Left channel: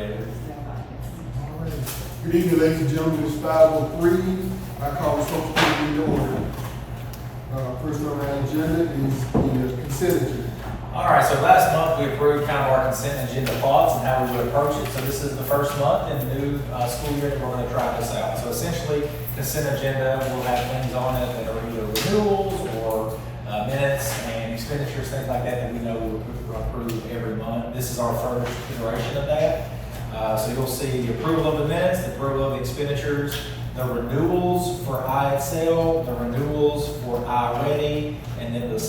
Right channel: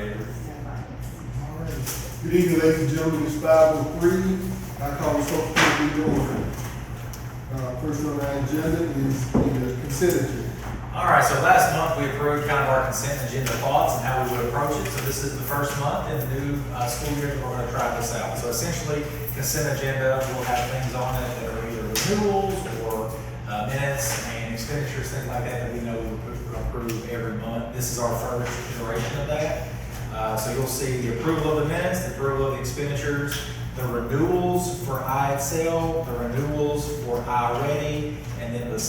whatever. All right. Good evening, ladies and gentlemen, it's 5:03. I call the social meeting to order. First on our agenda is the consent agenda. All right, so last month we approved kind of our consent agenda thoughts and how we would approach it. So this is the first month in the new school year that we're going to try this out. So essentially, consent agenda will have things on it that are either renewals or minutes and expenditures, things like that, that we know we would approve every month. This is our first iteration of that. So you'll see the approval of the minutes, the approval of the expenditures, the renewals for IXL, the renewals for iReady, and then the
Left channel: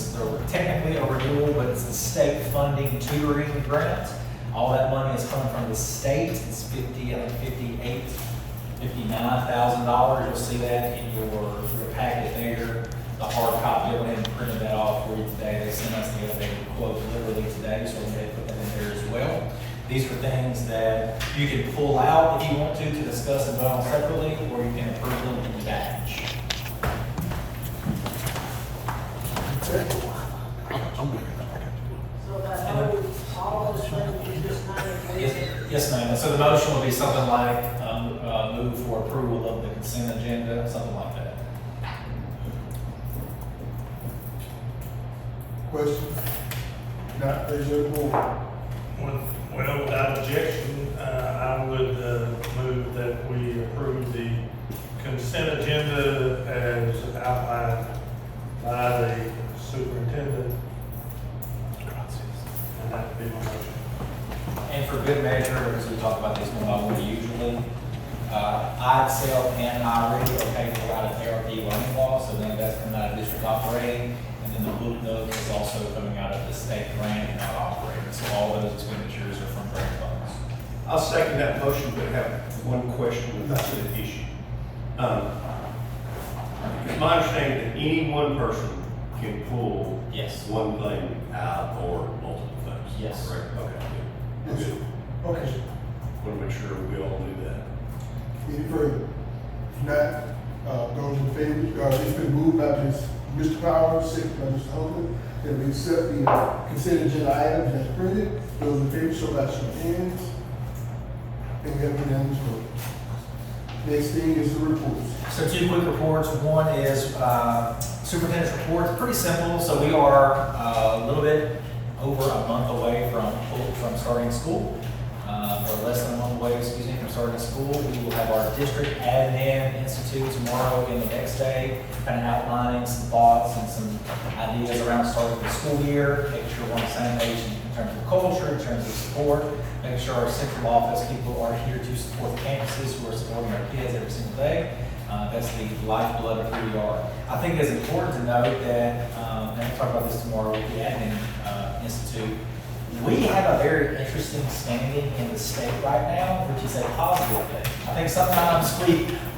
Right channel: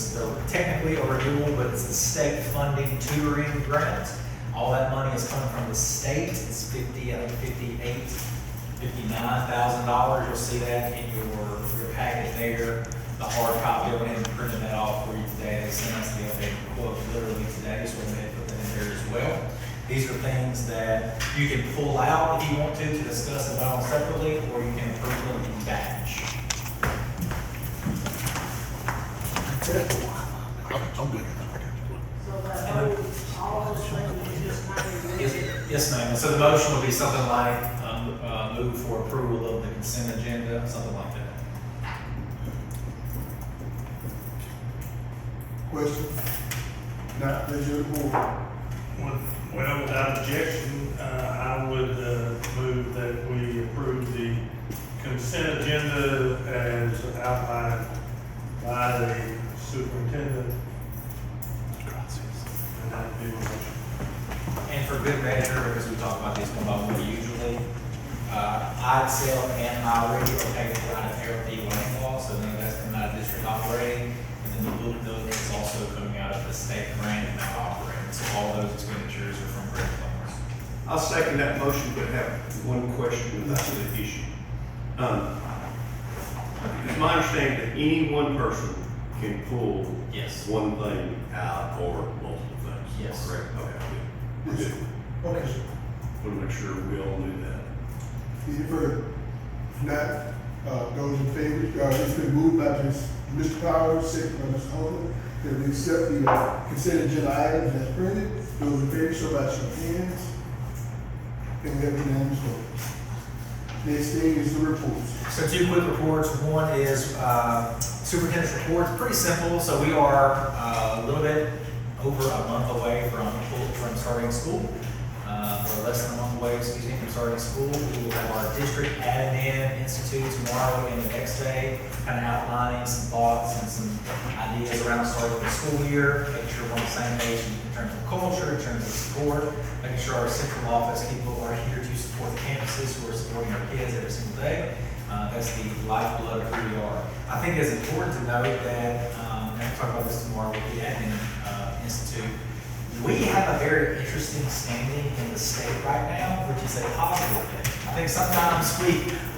technically a renewal, but it's the state funding tutoring grant. All that money is coming from the state. It's $59,000. You'll see that in your packet there. The hard copy, I went ahead and printed that off for you today. They sent us the updated quote literally today, so we may put that in there as well. These are things that you can pull out if you want to discuss and vote on separately, or you can approve them in batch. Okay. All those things you just named. Yes, ma'am. And so the motion will be something like, move for approval of the consent agenda, something like that. Question? Not raise your hand. Well, without objection, I would move that we approve the consent agenda as outlined by the superintendent. And that would be my motion. And for good measure, because we talk about these one by one usually, IXL and iReady are paid for out of ARP learning loss, so none of that's coming out of district operating. And then the book note is also coming out of the state grant and out of operating. So all those expenditures are from grant funds. I'll second that motion, but have one question about the issue. It's my understanding that any one person can pull Yes. one thing out or multiple things. Yes. Correct? Okay, good. Yes. Good. Okay. Want to make sure we all do that. Any further? If not, those in favor, it's been moved by Mr. Powers, second by Mr. Holman, that we accept the consent agenda items as printed. Those in favor, show by show of hands. Think that unanimous vote. Next thing is the reports. So two quick reports. One is superintendent's report. It's pretty simple. So we are a little bit over a month away from starting school. Or less than a month away, excuse me, from starting school. We will have our district admin institute tomorrow and the next day, kind of outlining some thoughts and some ideas around starting the school year, making sure we're on the same page in terms of culture, in terms of support, making sure our central office people are here to support campuses who are supporting our kids every single day. That's the lifeblood of who we are. I think it's important to note that, and we'll talk about this tomorrow with the admin institute, we have a very interesting standing in the state right now, which is a positive thing. I think sometimes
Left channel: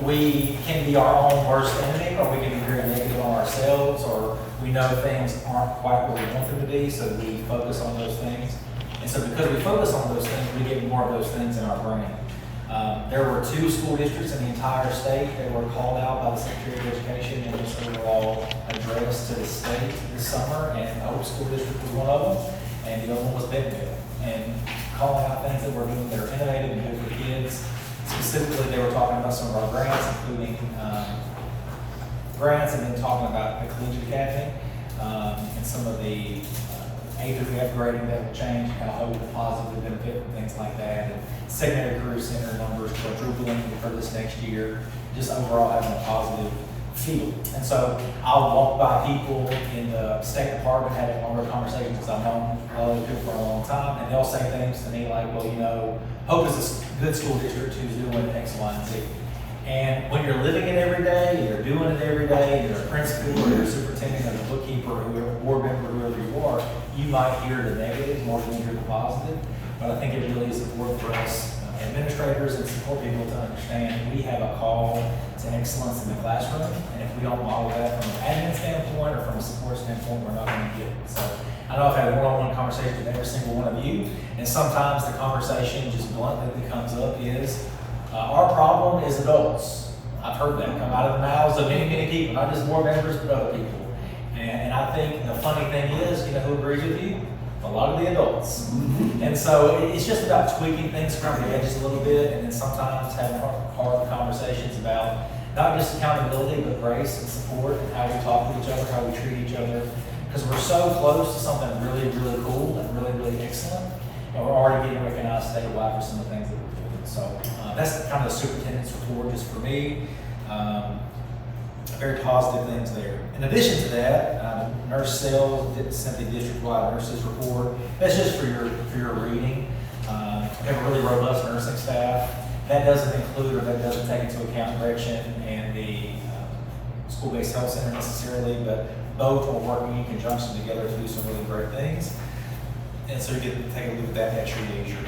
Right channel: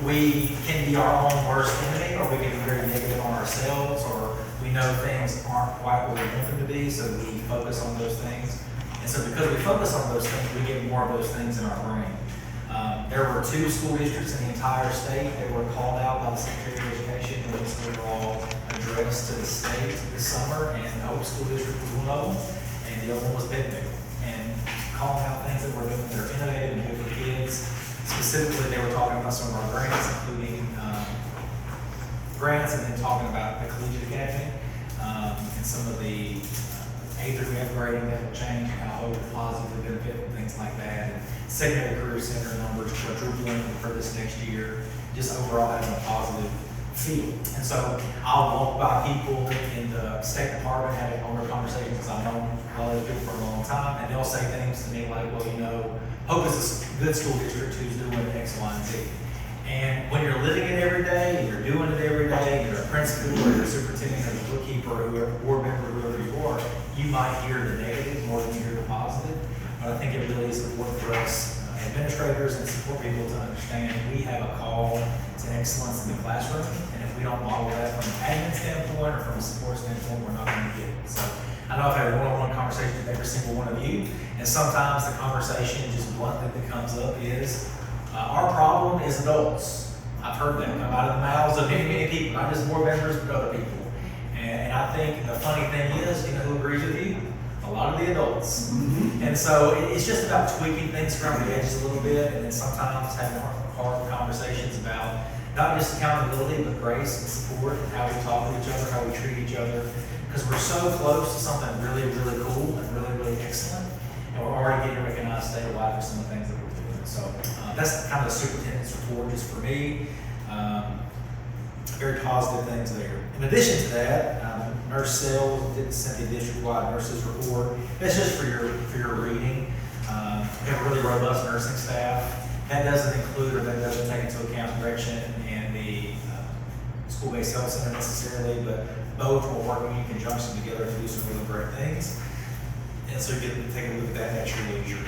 we can be our own worst enemy, or we can be very negative on ourselves, or we know things aren't quite what we want them to be, so we focus on those things. And so because we focus on those things, we get more of those things in our brain. There were 2 school districts in the entire state that were called out by the Secretary of Education, and this overall address to the state this summer, and the Hope School District was one of them. And the other one was Bentonville, and calling out things that we're doing that are innovative and good for kids. Specifically, they were talking about some of our grants, including grants, and then talking about the Collegiate Academy, and some of the A-3 upgrading that will change, kind of hold positive benefit and things like that. And secondary career center numbers quadrupling for this next year, just overall having a positive feel. And so I'll walk by people in the State Department having longer conversations, because I've known a lot of those people for a long time, and they'll say things to me like, well, you know, Hope is a good school district who's doing X, Y, and Z. And when you're living it every day, you're doing it every day, you're a principal or you're a superintendent or a bookkeeper or whoever, board member, whoever you are, you might hear the negative more than you hear the positive. But I think it really is important for us administrators and support people to understand we have a call to excellence in the classroom, and if we don't model that from an admin standpoint or from a support standpoint, we're not going to get it. So I know I've had a one-on-one conversation with every single one of you, and sometimes the conversation just bluntly that comes up is, our problem is adults. I've heard that come out of the mouths of many, many people, not just board members, but other people. And I think the funny thing is, you know who agrees with you? a lot of the adults. And so it's just about tweaking things around the edges a little bit, and then sometimes having hard conversations about not just accountability, but grace and support, and how we talk to each other, how we treat each other. Because we're so close to something really, really cool and really, really excellent, and we're already getting recognized statewide for some of the things that we're doing. So that's kind of the superintendent's report just for me. Very positive things there. In addition to that, Nurse Sales sent the district-wide nurses report. That's just for your reading. We have a really robust nursing staff. That doesn't include, or that doesn't take into account direction and the school-based health center necessarily, but both are working in conjunction together to do some really great things. And so you get to take a look at that at your leisure.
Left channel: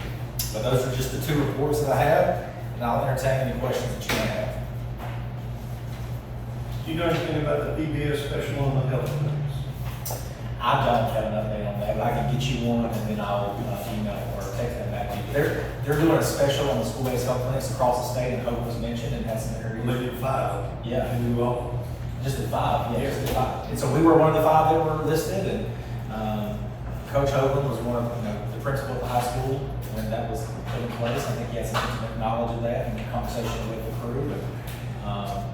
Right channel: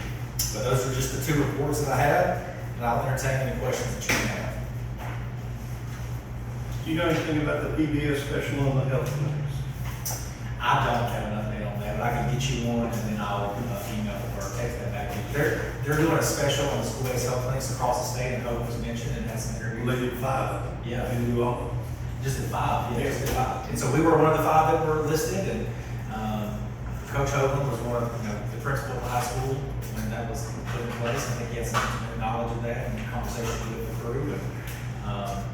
But those are just the two reports that I have, and I'll entertain any questions that you may have. Do you know anything about the PBS special on the health clinics? I don't have an update on that, but I can get you one, and then I'll email or text that back to you. They're doing a special on the school-based health clinics across the state, and Hope was mentioned and had some interviews. They did 5 of them. Yeah. And you all? Just at 5, yeah, just at 5. And so we were one of the 5 that were listed, and Coach Hogan was one of, the principal at the high school when that was put in place. I think he had some intimate knowledge of that and the conversation with the crew. And,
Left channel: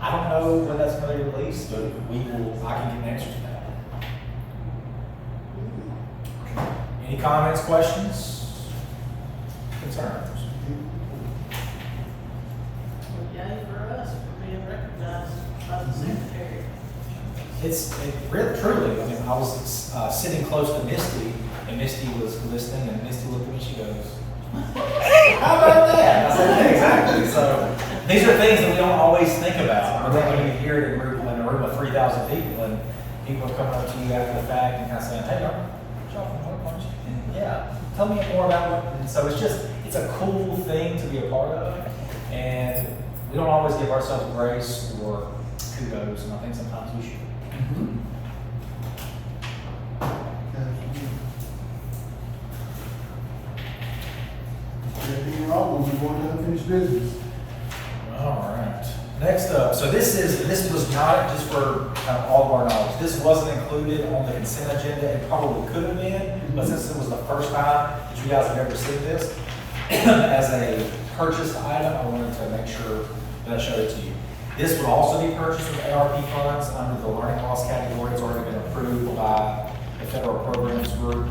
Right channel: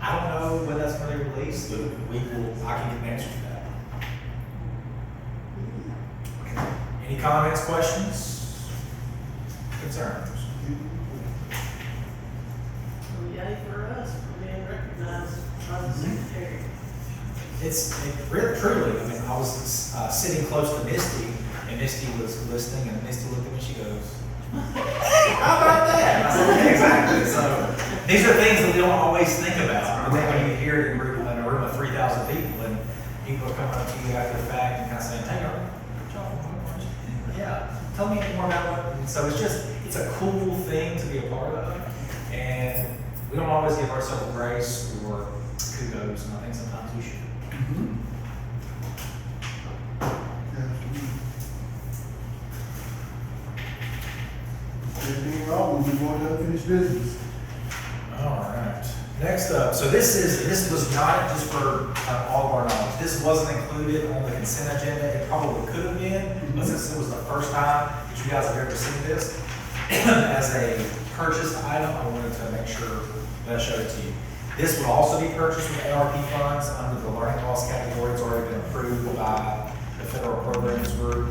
I don't know when that's going to be released, but I can get an answer to that. Any comments, questions, concerns? Well, yay for us for being recognized by the secretary. It really, truly, I mean, I was sitting close to Misty, and Misty was listening, and Misty looked at me, she goes, how about that? I said, yeah, exactly. So these are things that we don't always think about. But then when you hear it in a room of 3,000 people, and people are coming up to you after the fact and kind of saying, hey, y'all from Hope, aren't you? And yeah, tell me more about it. And so it's a cool thing to be a part of. And we don't always give ourselves grace or kudos, and I think sometimes we should. That being all, we'll move on to unfinished business. All right. Next up, so this was not just for all of our knowledge. This wasn't included on the consent agenda. It probably could have been, but since it was the first time that you guys have ever seen this as a purchased item, I wanted to make sure that I showed it to you. This would also be purchased with ARP funds under the learning loss category. It's already been approved by the federal programs group.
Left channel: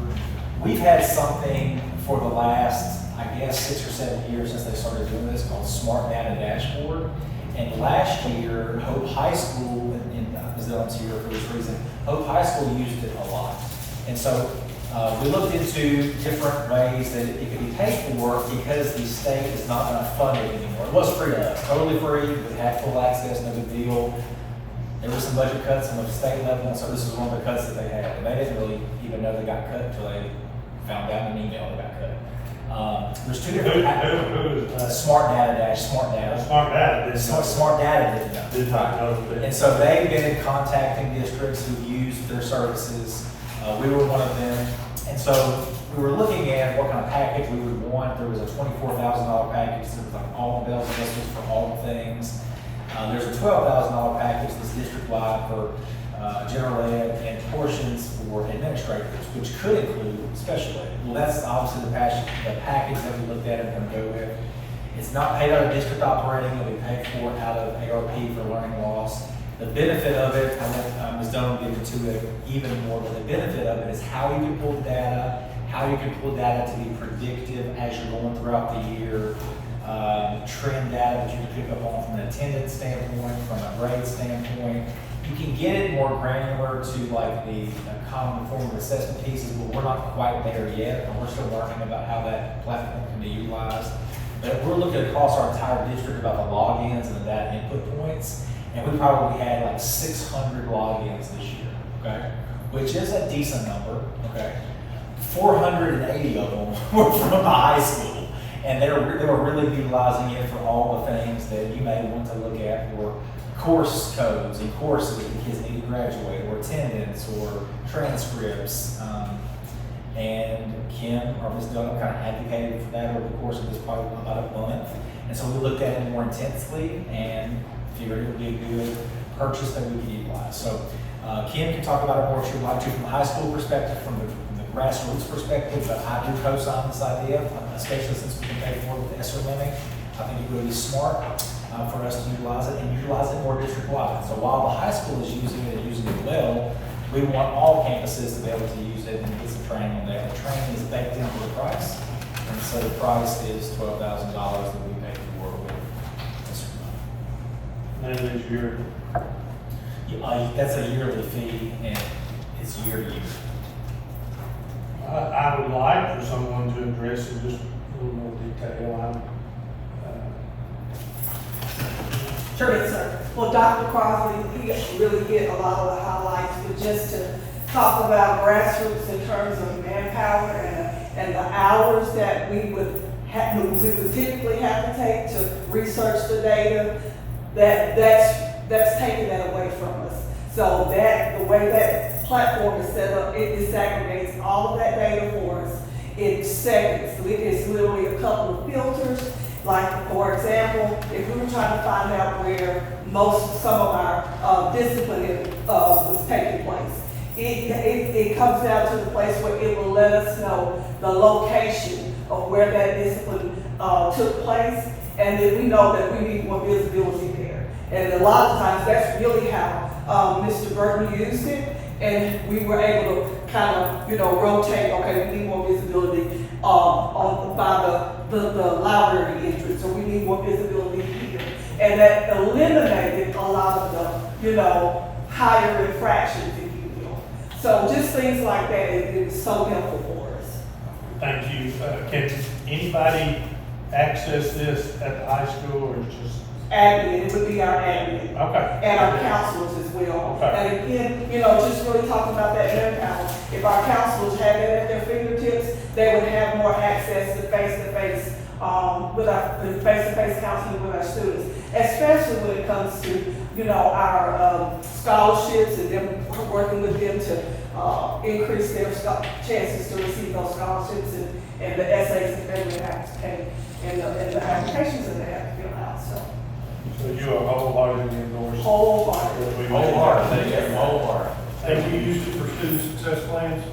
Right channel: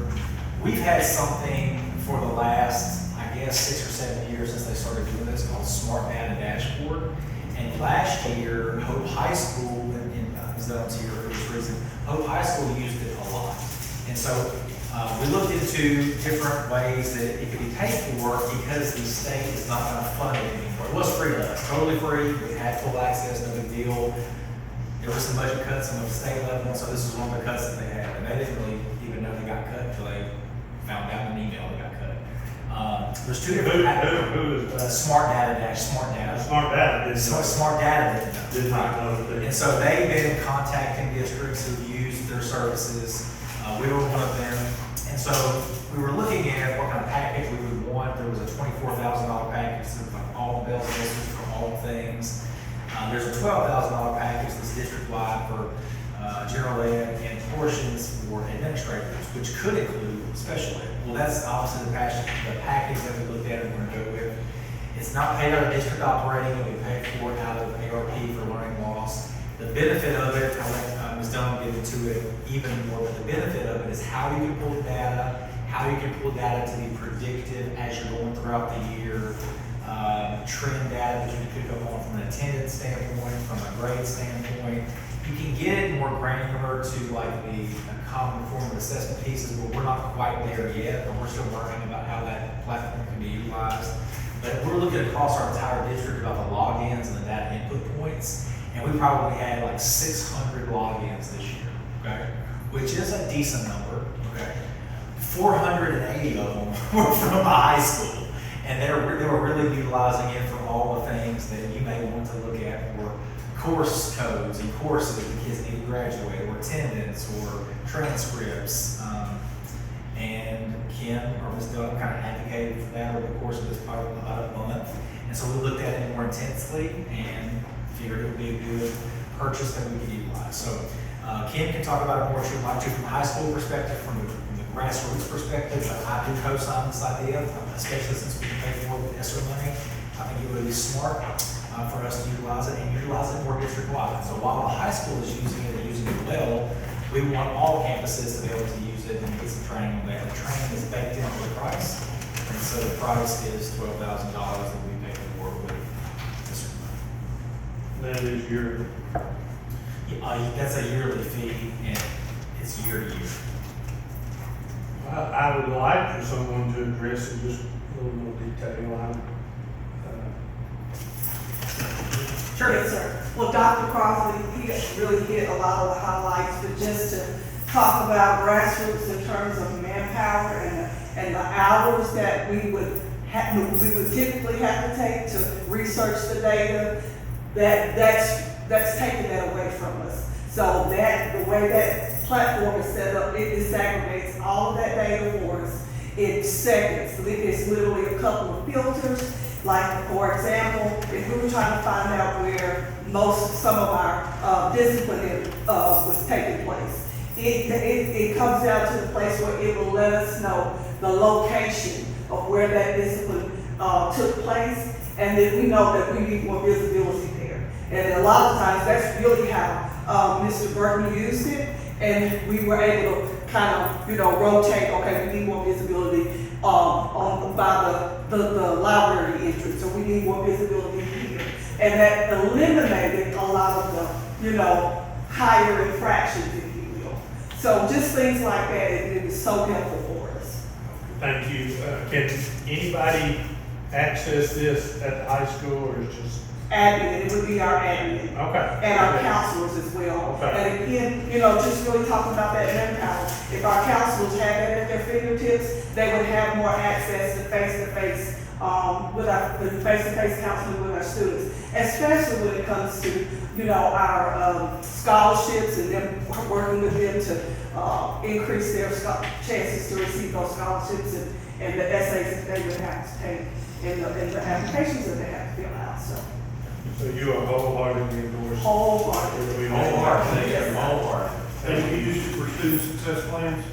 We've had something for the last, I guess, 6 or 7 years since they started doing this called Smart Data Dashboard. And last year, Hope High School, and Ms. Dillon's here for this reason, Hope High School used it a lot. And so we looked into different ways that it could be paid for because the state is not going to fund it anymore. It was free to us, totally free. We had full access, no big deal. There were some budget cuts on the state level, and so this is one of the cuts that they had. And they didn't really even know they got cut until they found out in an email they got cut. There's two different Who is that? Smart Data. Smart data, didn't know. Smart Data didn't know. Did not know that. And so they've been contacting districts who've used their services. We were one of them. And so we were looking at what kind of package we would want. There was a $24,000 package, so like all the bells and whistles for all the things. There's a $12,000 package that's district-wide for general ed and portions for administrators, which could include special ed. Well, that's obviously the package that we looked at and we're going to go with. It's not paid out of district operating, it'll be paid for out of ARP for learning loss. The benefit of it, I'll let Ms. Dunn get into it even more, but the benefit of it is how you can pull data, how you can pull data to be predictive as you're going throughout the year, trend data that you can pick up on from an attendance standpoint, from a grade standpoint. You can get it more granular to like the common formative assessment pieces, but we're not quite there yet, but we're still learning about how that platform can be utilized. But we're looking across our entire district about the logins and the data input points, and we probably had like 600 logins this year, okay? Which is a decent number, okay? 480 of them were from the high school, and they were really utilizing it for all the things that you may want to look at for course codes and courses that kids need to graduate, or attendance, or transcripts. And Kim or Ms. Dunn kind of advocated for that over the course of this probably about a month. And so we looked at it more intensely and figured it would be a good purchase that we could utilize. So Kim can talk about it more if she'd like to from a high school perspective, from the grassroots perspective, but I do co-sign this idea, especially since we can pay for it with ESSER money. I think it would be smart for us to utilize it and utilize it more district-wide. So while the high school is using it and using it well, we want all campuses to be able to use it and get some training on that. The training is baked into the price, and so the price is $12,000 that we pay for with ESSER money. That is your, That's a yearly fee, and it's year to year. I would like for someone to address it just a little more detail. Yes, sir. Well, Dr. Crossley, he really hit a lot of the highlights, but just to talk about grassroots in terms of manpower and the hours that we would typically have to take to research the data, that's taking that away from us. So the way that platform is set up, it disaggregates all of that data for us in seconds. It's literally a couple of filters. Like, for example, if we were trying to find out where some of our discipline was taking place, it comes down to the place where it will let us know the location of where that discipline took place, and then we know that we need more visibility there. And a lot of times, that's really how Mr. Burton used it, and we were able to kind of, rotate, okay, we need more visibility by the library entrance, or we need more visibility here. And that eliminated a lot of the, higher infractions, if you will. So just things like that, it was so helpful for us. Thank you. Can anybody access this at the high school, or is just? Admin, it would be our admin. Okay. And our counselors as well. Okay. And again, just really talking about that manpower. If our counselors had that at their fingertips, they would have more access to face-to-face, with our face-to-face counseling with our students, especially when it comes to, our scholarships and them working with them to increase their chances to receive those scholarships and the essays that they would have to take and the applications that they have to fill out. So you are wholeheartedly endorsed? Wholeheartedly. Wholehearted. Have you used it for student success plans?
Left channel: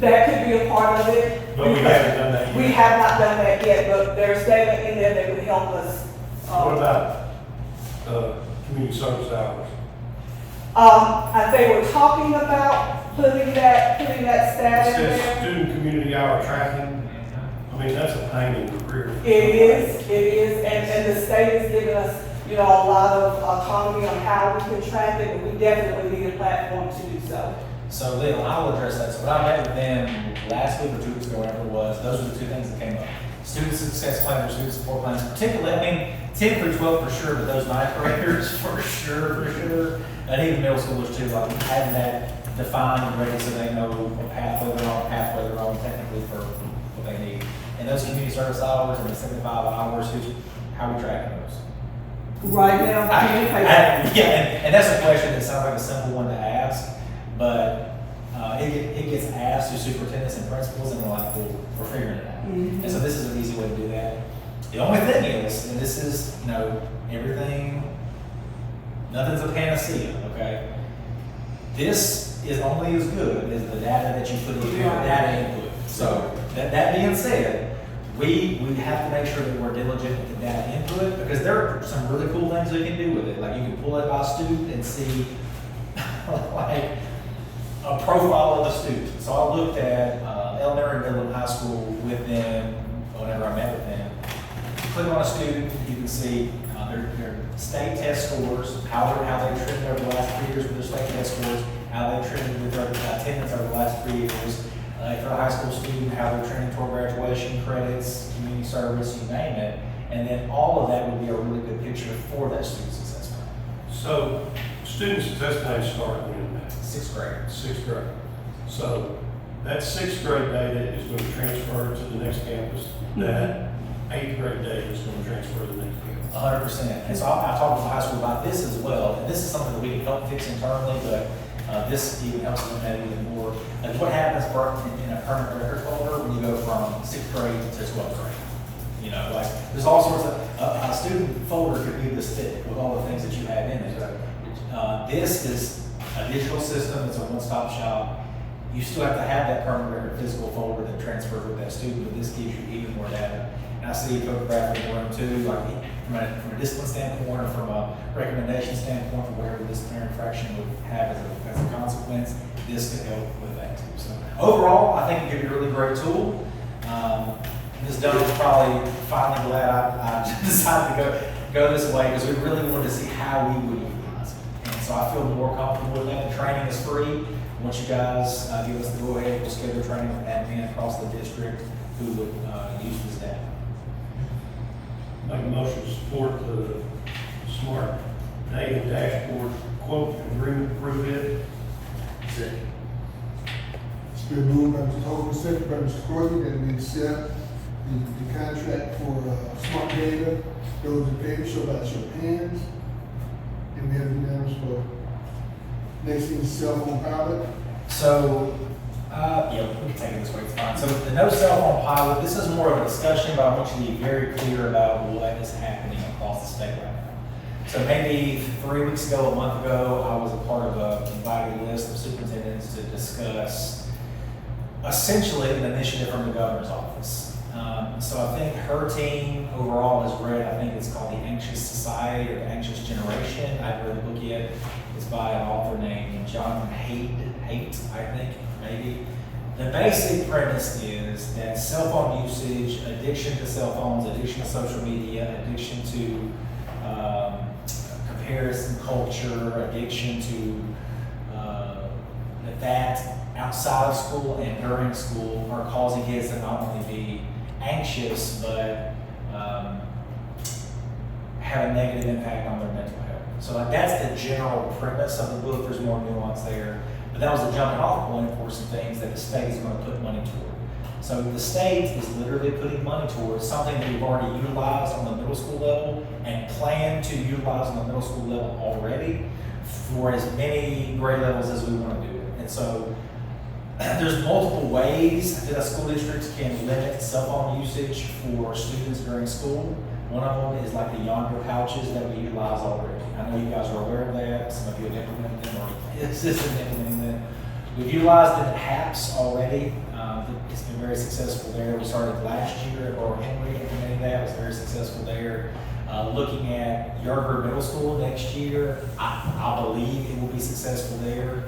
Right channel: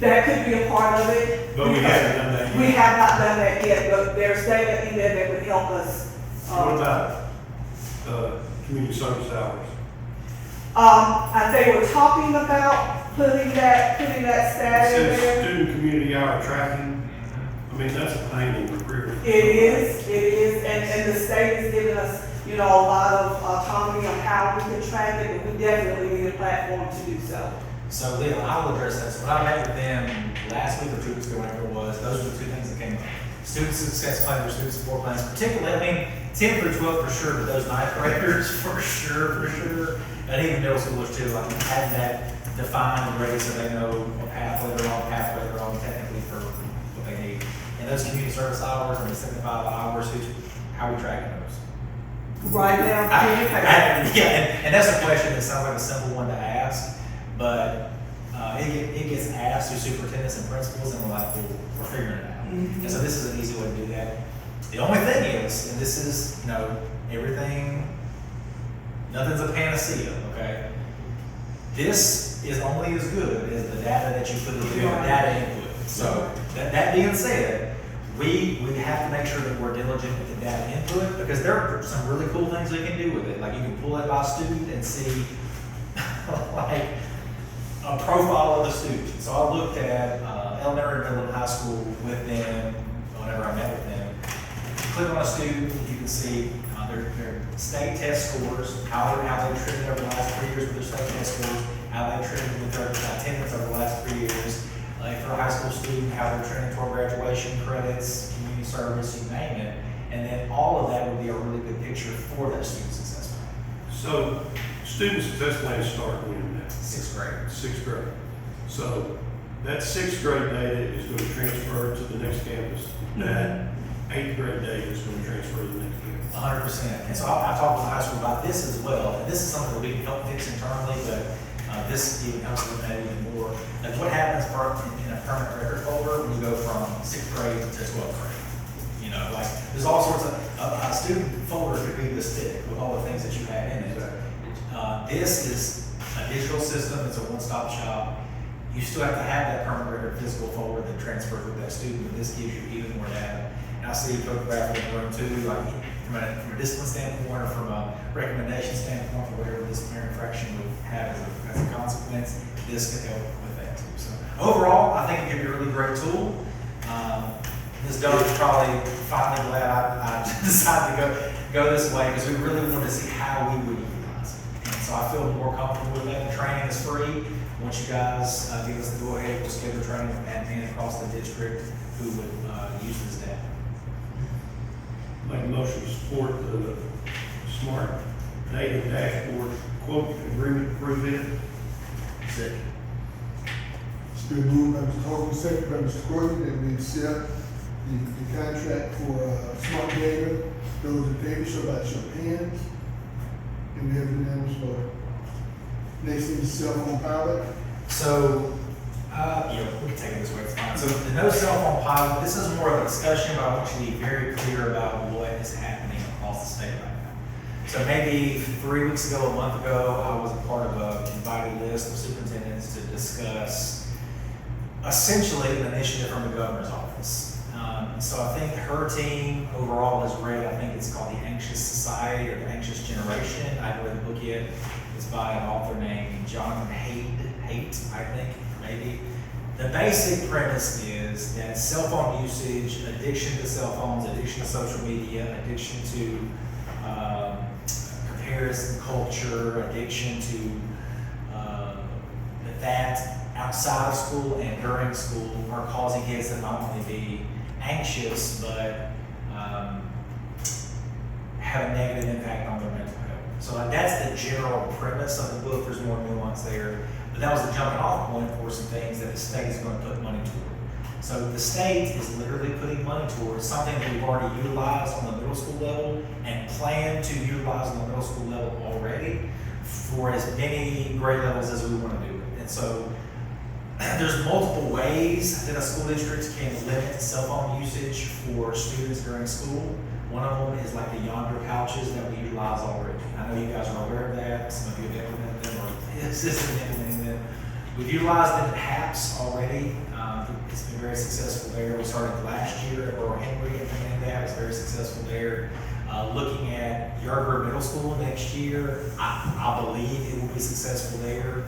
That could be a part of it. But we haven't done that yet. We have not done that yet, but there's data in there that would help us. What about, community service hours? They were talking about putting that It stat in says there. student community hour tracking. I mean, that's a pain in the rear. It is, and the state has given us, a lot of autonomy on how we can track it, and we definitely need a platform to do so. So then I will address that. So when I met with them last week or 2 weeks ago, whatever it was, those were the two things that came up. Student success plans or student support plans, particularly, 10 through 12 for sure, but those ninth graders for sure. And even middle schoolers too, like having that defined and ready so they know what pathway they're on technically for what they need. And those community service hours, 75 hours, how are we tracking those? Right now, Yeah, and that's the question that sounds like a simple one to ask, but it gets asked to superintendents and principals, and they're like, well, we're figuring it out. Mhm. And so this is an easy way to do that. The only thing is, and this is, nothing's a panacea, okay? This is only as good as the data that you put in your data input. So that being said, we have to make sure that we're diligent with the data input, because there are some really cool things we can do with it. Like you can pull it by student and see like a profile of the student. So I looked at elementary and middle high school with them whenever I met with them. You click on a student, you can see their state test scores, how they've trended over the last 3 years with their state test scores, how they've trended with their attendance over the last 3 years. For a high school student, how they're trending toward graduation credits, community service, you name it. And then all of that would be a really good picture for that student success plan. So, student success plans start when now? 6th grade. Sixth grade. So, that sixth grade data is going to transfer to the next campus. That eighth grade data is going to transfer to the next campus. 100%. And so I talked with the high school about this as well. And this is something that we can help fix internally, but this even helps eliminate even more. Like what happens in a permanent record folder when you go from 6th grade to 12th grade? Like there's all sorts of, a student folder could be this thick with all the things that you have in it. This is a digital system. It's a one-stop shop. You still have to have that permanent record physical folder that transfers with that student, but this gives you even more data. And I see photography in the room too, like from a discipline standpoint or from a recommendation standpoint, or whatever disciplinary infraction would have as a consequence, this can help with that too. So overall, I think it'd be a really great tool. Ms. Dunn was probably finally glad I decided to go this way, because we really wanted to see how we would utilize it. And so I feel more comfortable with that. The training is free. Once you guys give us the go ahead, we'll schedule training for admin across the district who would use this data. Make a motion to support the smart data dashboard quote agreement, approve it. Second. It's been moved by Mr. Holman, second by Mr. Courtney, that we accept the contract for smart data. Those in favor, show by show of hands. And we have unanimous vote. Next thing is cell phone pilot. So, yeah, we can take it this way, it's fine. So the no cell phone pilot, this is more of a discussion, but I want you to be very clear about what is happening across the state right now. So maybe 3 weeks ago, a month ago, I was a part of a invited list of superintendents to discuss essentially an initiative from the governor's office. So I think her team overall has read, I think it's called The Anxious Society or The Anxious Generation. I read the book yet. It's by an author named Jonathan Haidt, I think, maybe. The basic premise is that cell phone usage, addiction to cell phones, addiction to social media, addiction to comparison culture, addiction to that outside of school and during school are causing kids to not only be anxious, but have a negative impact on their mental health. So that's the general premise of the book. There's more nuance there, but that was the jumping off point for some things that the state is going to put money toward. So the state is literally putting money towards something that we've already utilized on the middle school level and plan to utilize on the middle school level already for as many grade levels as we want to do it. And so there's multiple ways that a school district can limit cell phone usage for students during school. One of them is like the Yonder pouches that we utilize already. I know you guys are aware of that. Some of you have implemented them or assisted in implementing them. We've utilized them at HAPS already. It's been very successful there. We started last year at Lower Henry implementing that. It was very successful there. Looking at Yarburg Middle School next year, I believe it will be successful there.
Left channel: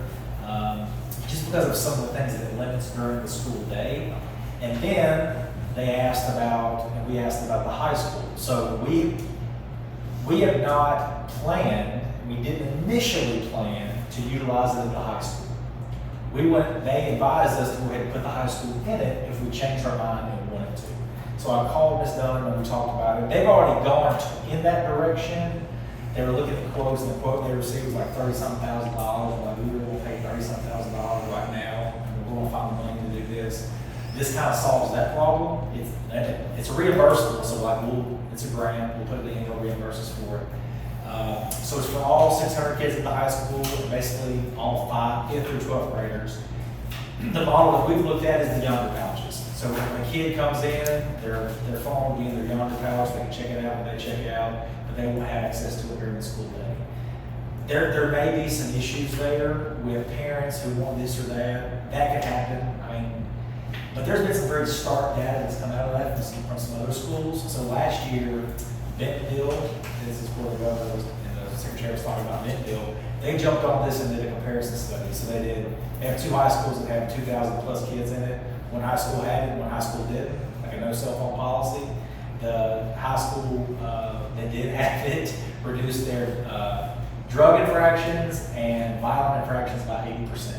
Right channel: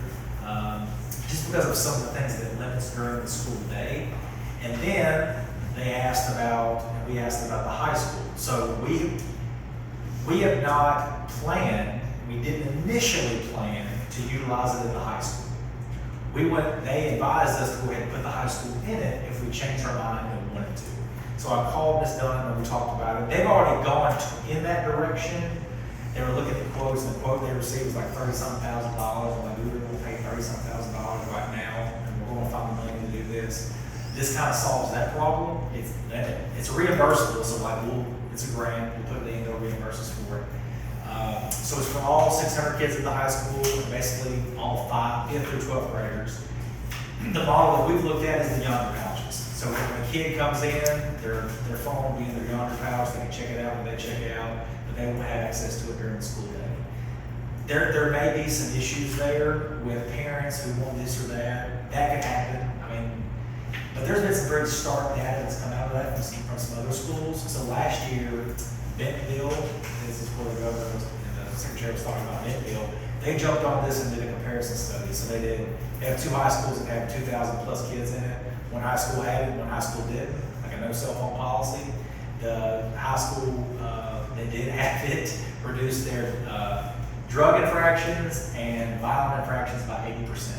Just because of some of the things that it limits during the school day. And then they asked about, and we asked about the high school. So we have not planned, we didn't initially plan to utilize it in the high school. They advised us to go ahead and put the high school in it if we changed our mind and wanted to. So I called Ms. Dunn and we talked about it. They've already gone in that direction. They were looking at quotes, and the quote they received was like $30-something thousand. Like, we were gonna pay $30-something thousand right now, and we're gonna find the money to do this. This kind of solves that problem. It's reimbursable, so like it's a grant, we'll put it in, they'll reimburse us for it. So it's for all 600 kids in the high school, and basically all 5th through 12th graders. The model that we've looked at is the Yonder pouches. So when a kid comes in, their phone will be in their Yonder pouch, they can check it out when they check it out, but they won't have access to it during the school day. There may be some issues there with parents who want this or that. That could happen. I mean, but there's been some very stark data that's come out of that from some other schools. So last year, Bentonville, this is where the governor was, and the secretary was talking about Bentonville, they jumped on this and did a comparison study. So they have 2 high schools that have 2,000 plus kids in it. One high school had it, one high school didn't, like a no cell phone policy. The high school that did have it reduced their drug infractions and violent infractions by 80%.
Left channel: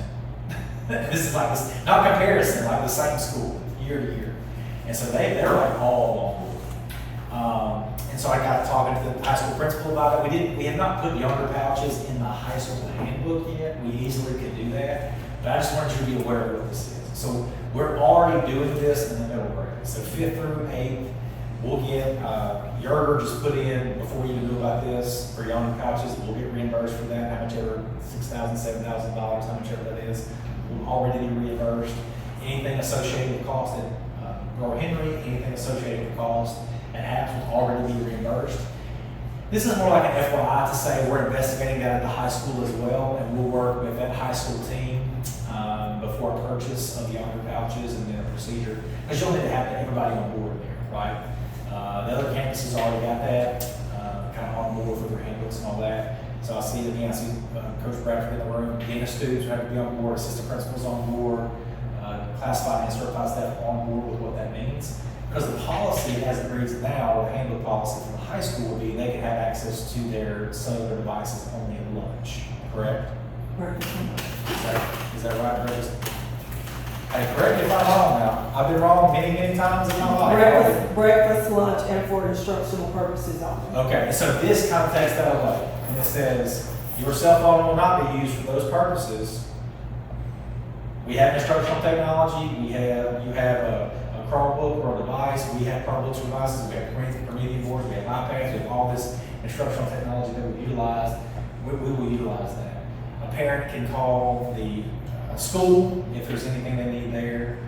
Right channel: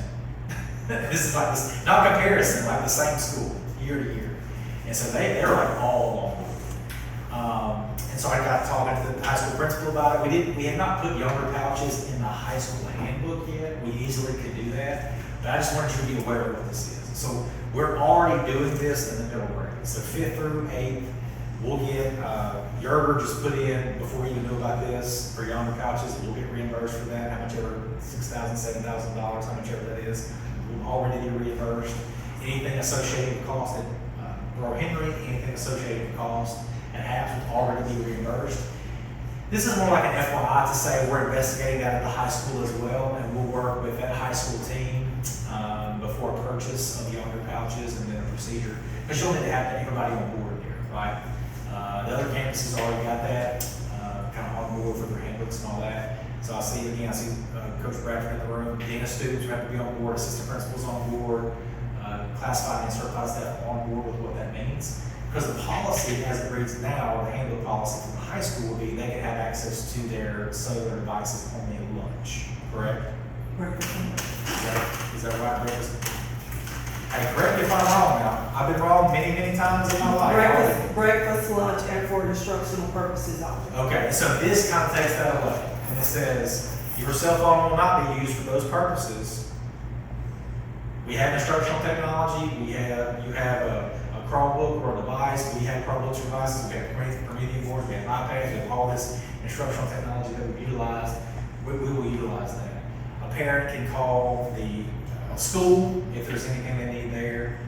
This is like this, not comparison, like the same school year to year. And so they're like all on board. And so I got talking to the high school principal about it. We had not put Yonder pouches in the high school handbook yet. We easily could do that, but I just wanted you to be aware of what this is. So we're already doing this in the middle grade. So 5th through 8th, we'll get, Yerger just put in, before you even knew about this, for Yonder pouches, we'll get reimbursed for that, how much ever, $6,000, $7,000, how much ever that is. We'll already be reimbursed. Anything associated with cost at Lower Henry, anything associated with cost at HAPS will already be reimbursed. This is more like an FYI to say we're investigating that at the high school as well, and we'll work with that high school team before before a purchase of the under pouches and then a procedure, because you'll need to have everybody on board there, right? The other campuses already got that, kind of on board for their handbooks and all that. So I see Coach Bradford in the room, data students who have to be on board, assistant principals on board, classified and certified staff on board with what that means. Because the policy, as it reads now, the handbook policy for the high school would be they can have access to their cellular devices only at lunch, correct? Is that right, Brett? Hey, correct me if I'm wrong now. I've been wrong many, many times in my life. Breakfast, lunch, and for instructional purposes only. Okay, so this kind of takes that away, and it says, your cell phone will not be used for those purposes. We have instructional technology, you have a Chromebook or a device, we have Chromebooks or devices, we have Prometheus boards, we have iPads, we have all this instructional technology that we utilize, we will utilize that. A parent can call the school if there's anything they need there.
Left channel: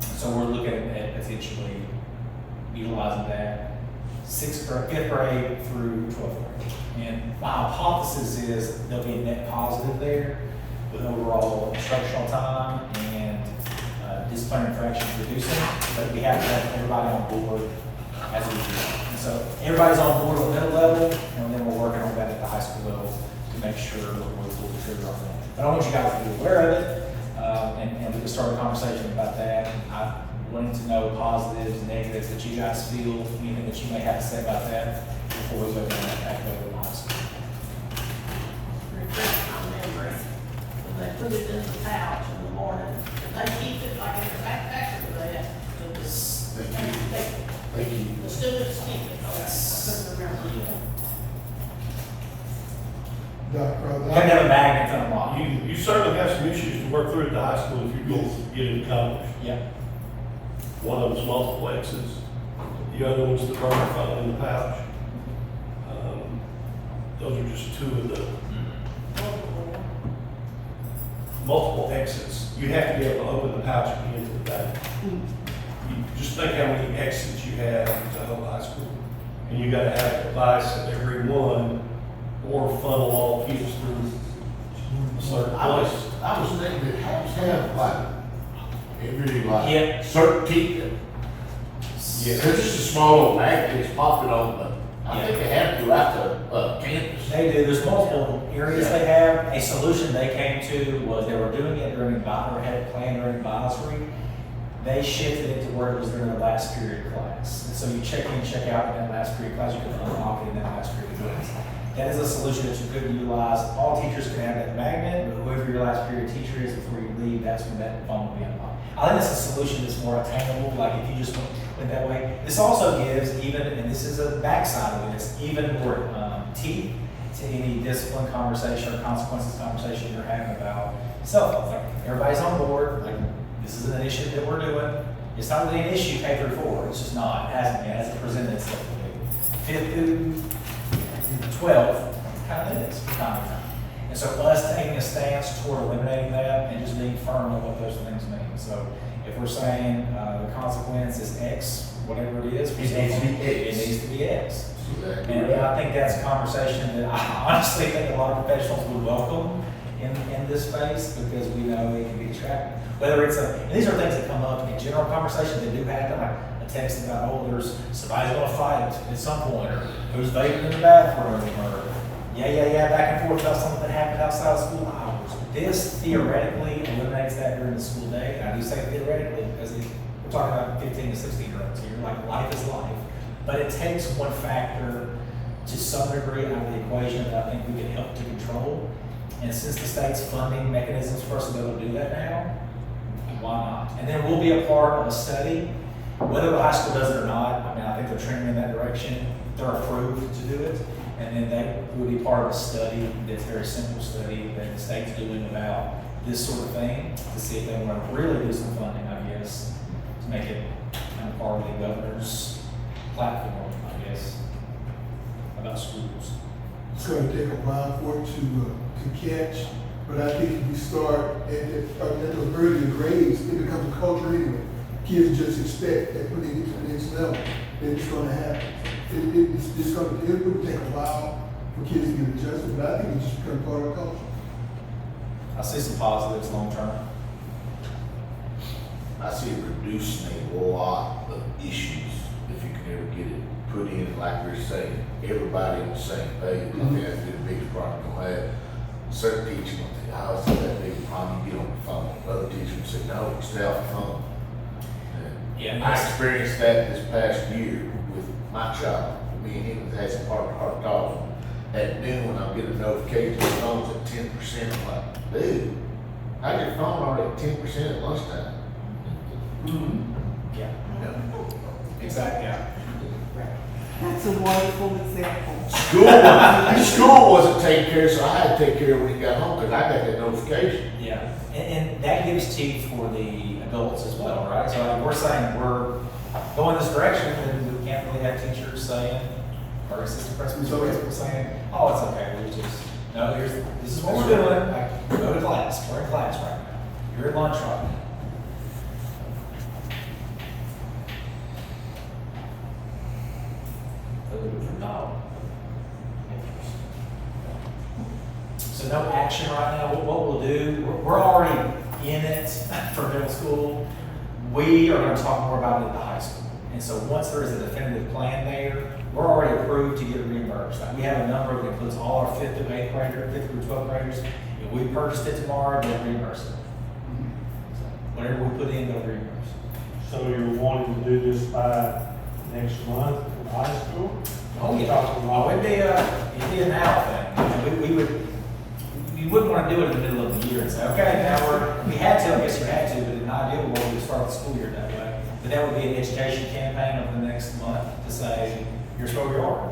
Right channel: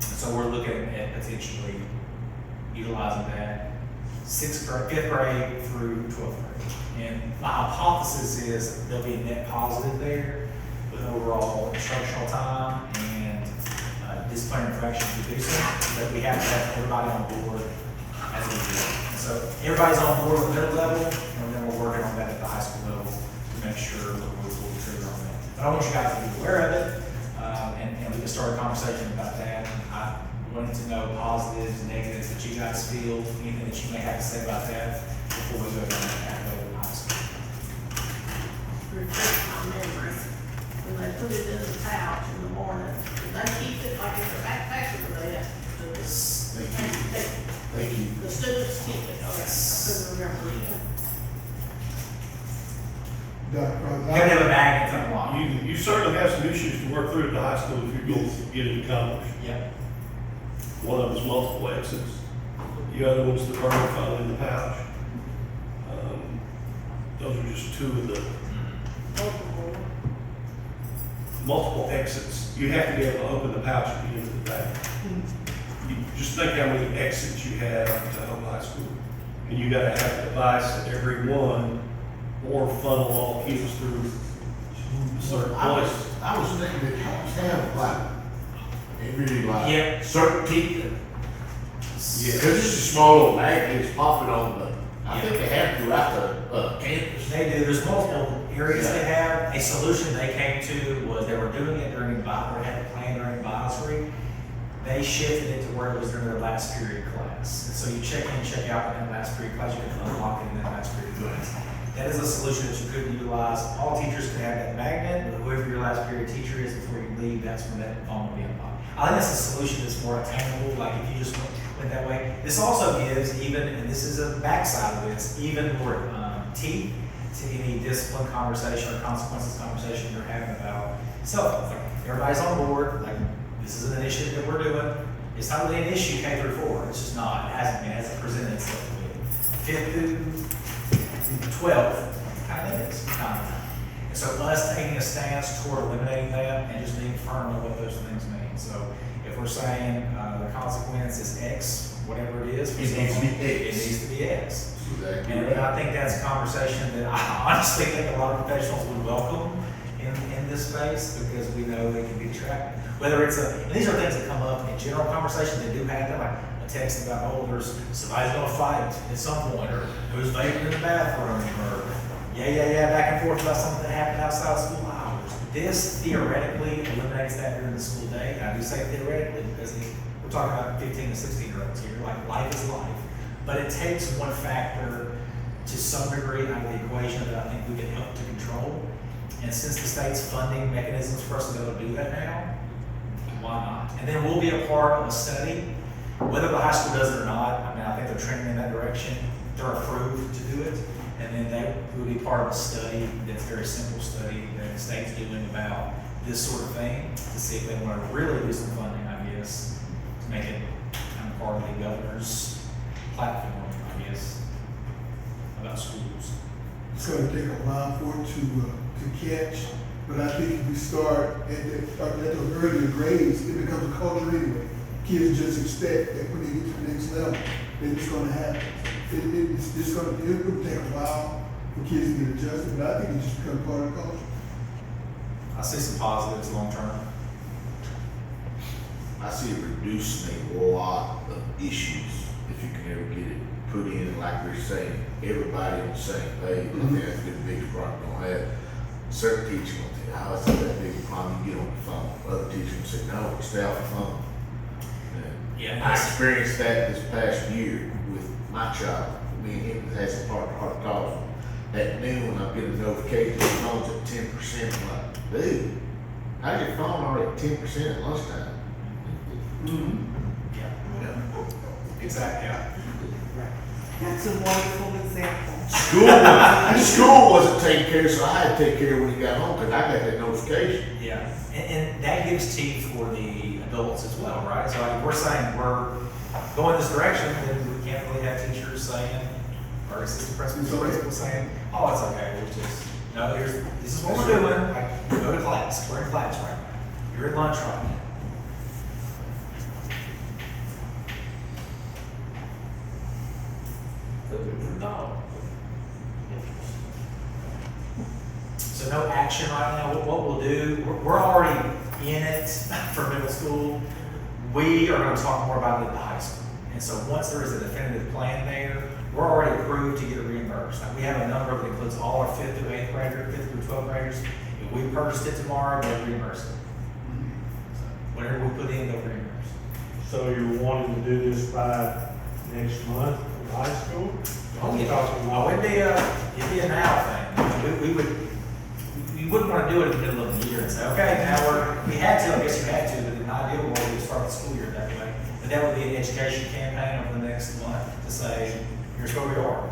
So we're looking at potentially utilizing that fifth grade through 12th grade. And my hypothesis is there'll be a net positive there with overall instructional time and discipline infractions reducing, but we have to have everybody on board as we do. And so everybody's on board at the middle level, and then we're working on that at the high school level to make sure that we're fully trigger on that. But I want you guys to be aware of it, and we can start a conversation about that. I wanted to know positives and negatives that you guys feel, anything that you may have to say about that before we go to the high school. Refresh my memory. When they put it in the pouch in the morning, did they keep it like in the backpack or do they have to just? They keep it. They keep it. The students keep it, okay, Yes. I couldn't remember. We have to have a magnet on the block. You certainly have some issues to work through at the high school if you're going to get it accomplished. Yep. One of them's multiple exits, the other one's the burner found in the pouch. Those are just two of the multiple exits. You have to be able to open the pouch and get into the back. You just think how many exits you have to Hope High School. And you gotta have a device at every one or funnel all kids through a certain place. I was thinking it has to have like, it really like. Yep. Certain teeth. Yeah. It's just a small little magnet, it's popping on the, I Yeah. think they have throughout the, campus. They do, there's multiple areas they have. A solution they came to was they were doing it during advisory, or had a plan during advisory. They shifted it to where it was during their last period class. And so you check in, check out in that last period class, you can unlock it in that last period class. That is a solution that you could utilize. All teachers can have that magnet, but whoever your last period teacher is before you leave, that's when that phone will be unlocked. I think that's a solution that's more attainable, like if you just went that way. This also gives even, and this is a backside of this, even more teeth to any discipline conversation or consequences conversation you're having about cell phones. Like, everybody's on board, like this is an initiative that we're doing. It's not really an issue K through 4, it's just not, it hasn't been, it hasn't presented itself to be. 5th through 12th, kind of is, kind of. And so us taking a stance toward eliminating that and just being firm on what those things mean. So if we're saying the consequence is X, whatever it is, It needs to be X. It needs to be X. Exactly And right. I think that's a conversation that I honestly think a lot of professionals would welcome in this space because we know it can be distracting. Whether it's and these are things that come up in general conversations that do happen, like a text about, oh, somebody's gonna fight at some point, or who's vaping in the bathroom, or back and forth about something that happened outside of school hours. This theoretically eliminates that during the school day, and I do say theoretically because we're talking about 15 to 16-year-olds here, like life is life. But it takes one factor to some degree out of the equation that I think we can help to control. And since the state's funding mechanisms for us to be able to do that now, why not? And then we'll be a part of a study, whether the high school does it or not. I mean, I think they're trending in that direction. They're approved to do it. And then they will be part of a study that's a very simple study that the state's doing about this sort of thing to see if they want to really do some funding, I guess, to make it kind of part of the governor's platform, I guess, about schools. It's gonna take a while for it to catch, but I think if we start at the earlier grades, it becomes a culture anyway. Kids just expect that when they get to the next level, that it's gonna happen. It would take a while for kids to get adjusted, but I think it just becomes part of the culture. I see some positives long term. I see it reducing a lot of issues if you can ever get it put in, like we're saying, everybody on the same page. I think that's the biggest problem you'll have. Certain teachers will think, oh, it's not that big a problem, you get on the phone. Other teachers will say, no, stay off the phone. Yeah, And I experienced that this past year with my child. Me and him had some heart talks. At noon, I'm getting a notification, the phone's at 10%. I'm like, dude, how's your phone already at 10% at lunchtime? Yeah, exactly, yeah. That's a wonderful example. School wasn't taking care, so I had to take care of it when he got home, because I got that notification. Yeah, and that gives teeth for the adults as well, right? So like, we're saying we're going this direction, then we can't really have teachers saying, or assistant principals saying, oh, it's okay, we'll just, no, this is what we're doing, like, go to class, we're in class right now, you're at lunch right now. Food for thought. So no action right now. What we'll do, we're already in it for middle school. We are going to talk more about it at the high school. And so once there is a definitive plan there, we're already approved to get it reimbursed. Like we have a number that includes all our 5th through 8th graders, 5th through 12th graders. If we purchased it tomorrow, they'll reimburse it. So whatever we put in, they'll reimburse. So you're wanting to do this by next month in high school? Oh, yeah. Oh, it'd be a now thing. We wouldn't want to do it in the middle of the year and say, okay, now we had to, I guess you had to, but in an ideal world, we'd start the school year that way. But that would be an education campaign over the next month to say, here's where we are.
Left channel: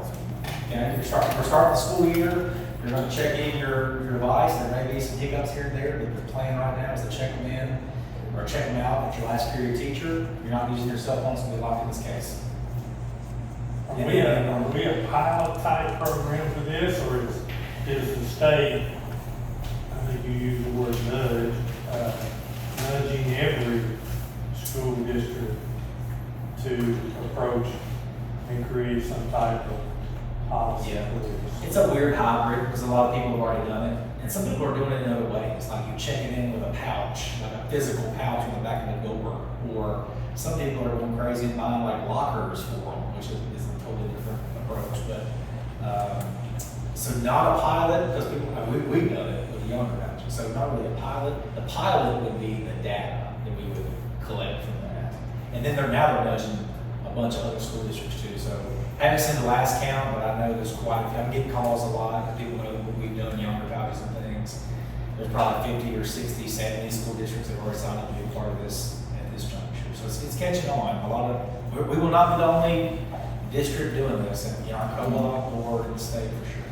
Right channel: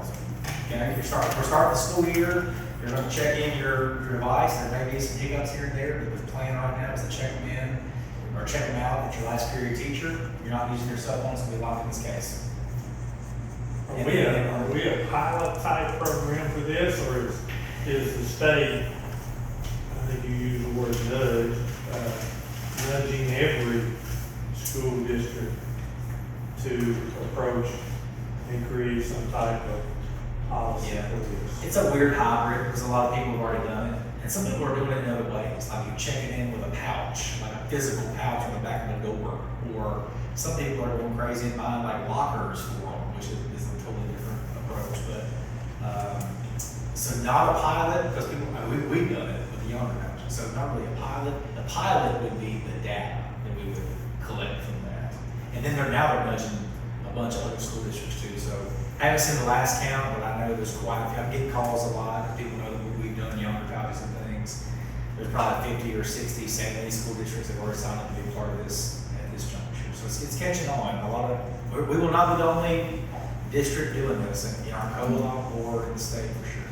Okay, we're starting the school year, you're going to check in your device, there may be some hiccups here and there, but the plan right now is to check them in or check them out with your last period teacher. You're not using your cell phone, it's going to be locked in this case. Are we a pilot type program for this, or is the state, I think you used the word nudge, nudging every school district to approach and create some type of policy Yeah, for this? it's a weird hybrid because a lot of people have already done it, and some people are doing it in other ways. Like you check it in with a pouch, like a physical pouch on the back of the door, or some people are going crazy and buying like lockers for them, which is a totally different approach. But so not a pilot because we've done it with the younger batches. So not really a pilot. The pilot would be the data that we would collect from that, and then they're nudging a bunch of other school districts too. So I haven't seen the last count, but I know there's quite a few. I'm getting calls a lot. People know that we've done younger values and things. There's probably 50 or 60, 70 school districts that were signed up to be a part of this at this juncture. So it's catching on. A lot of we will not be the only district doing this, and our co-op board in the state for sure.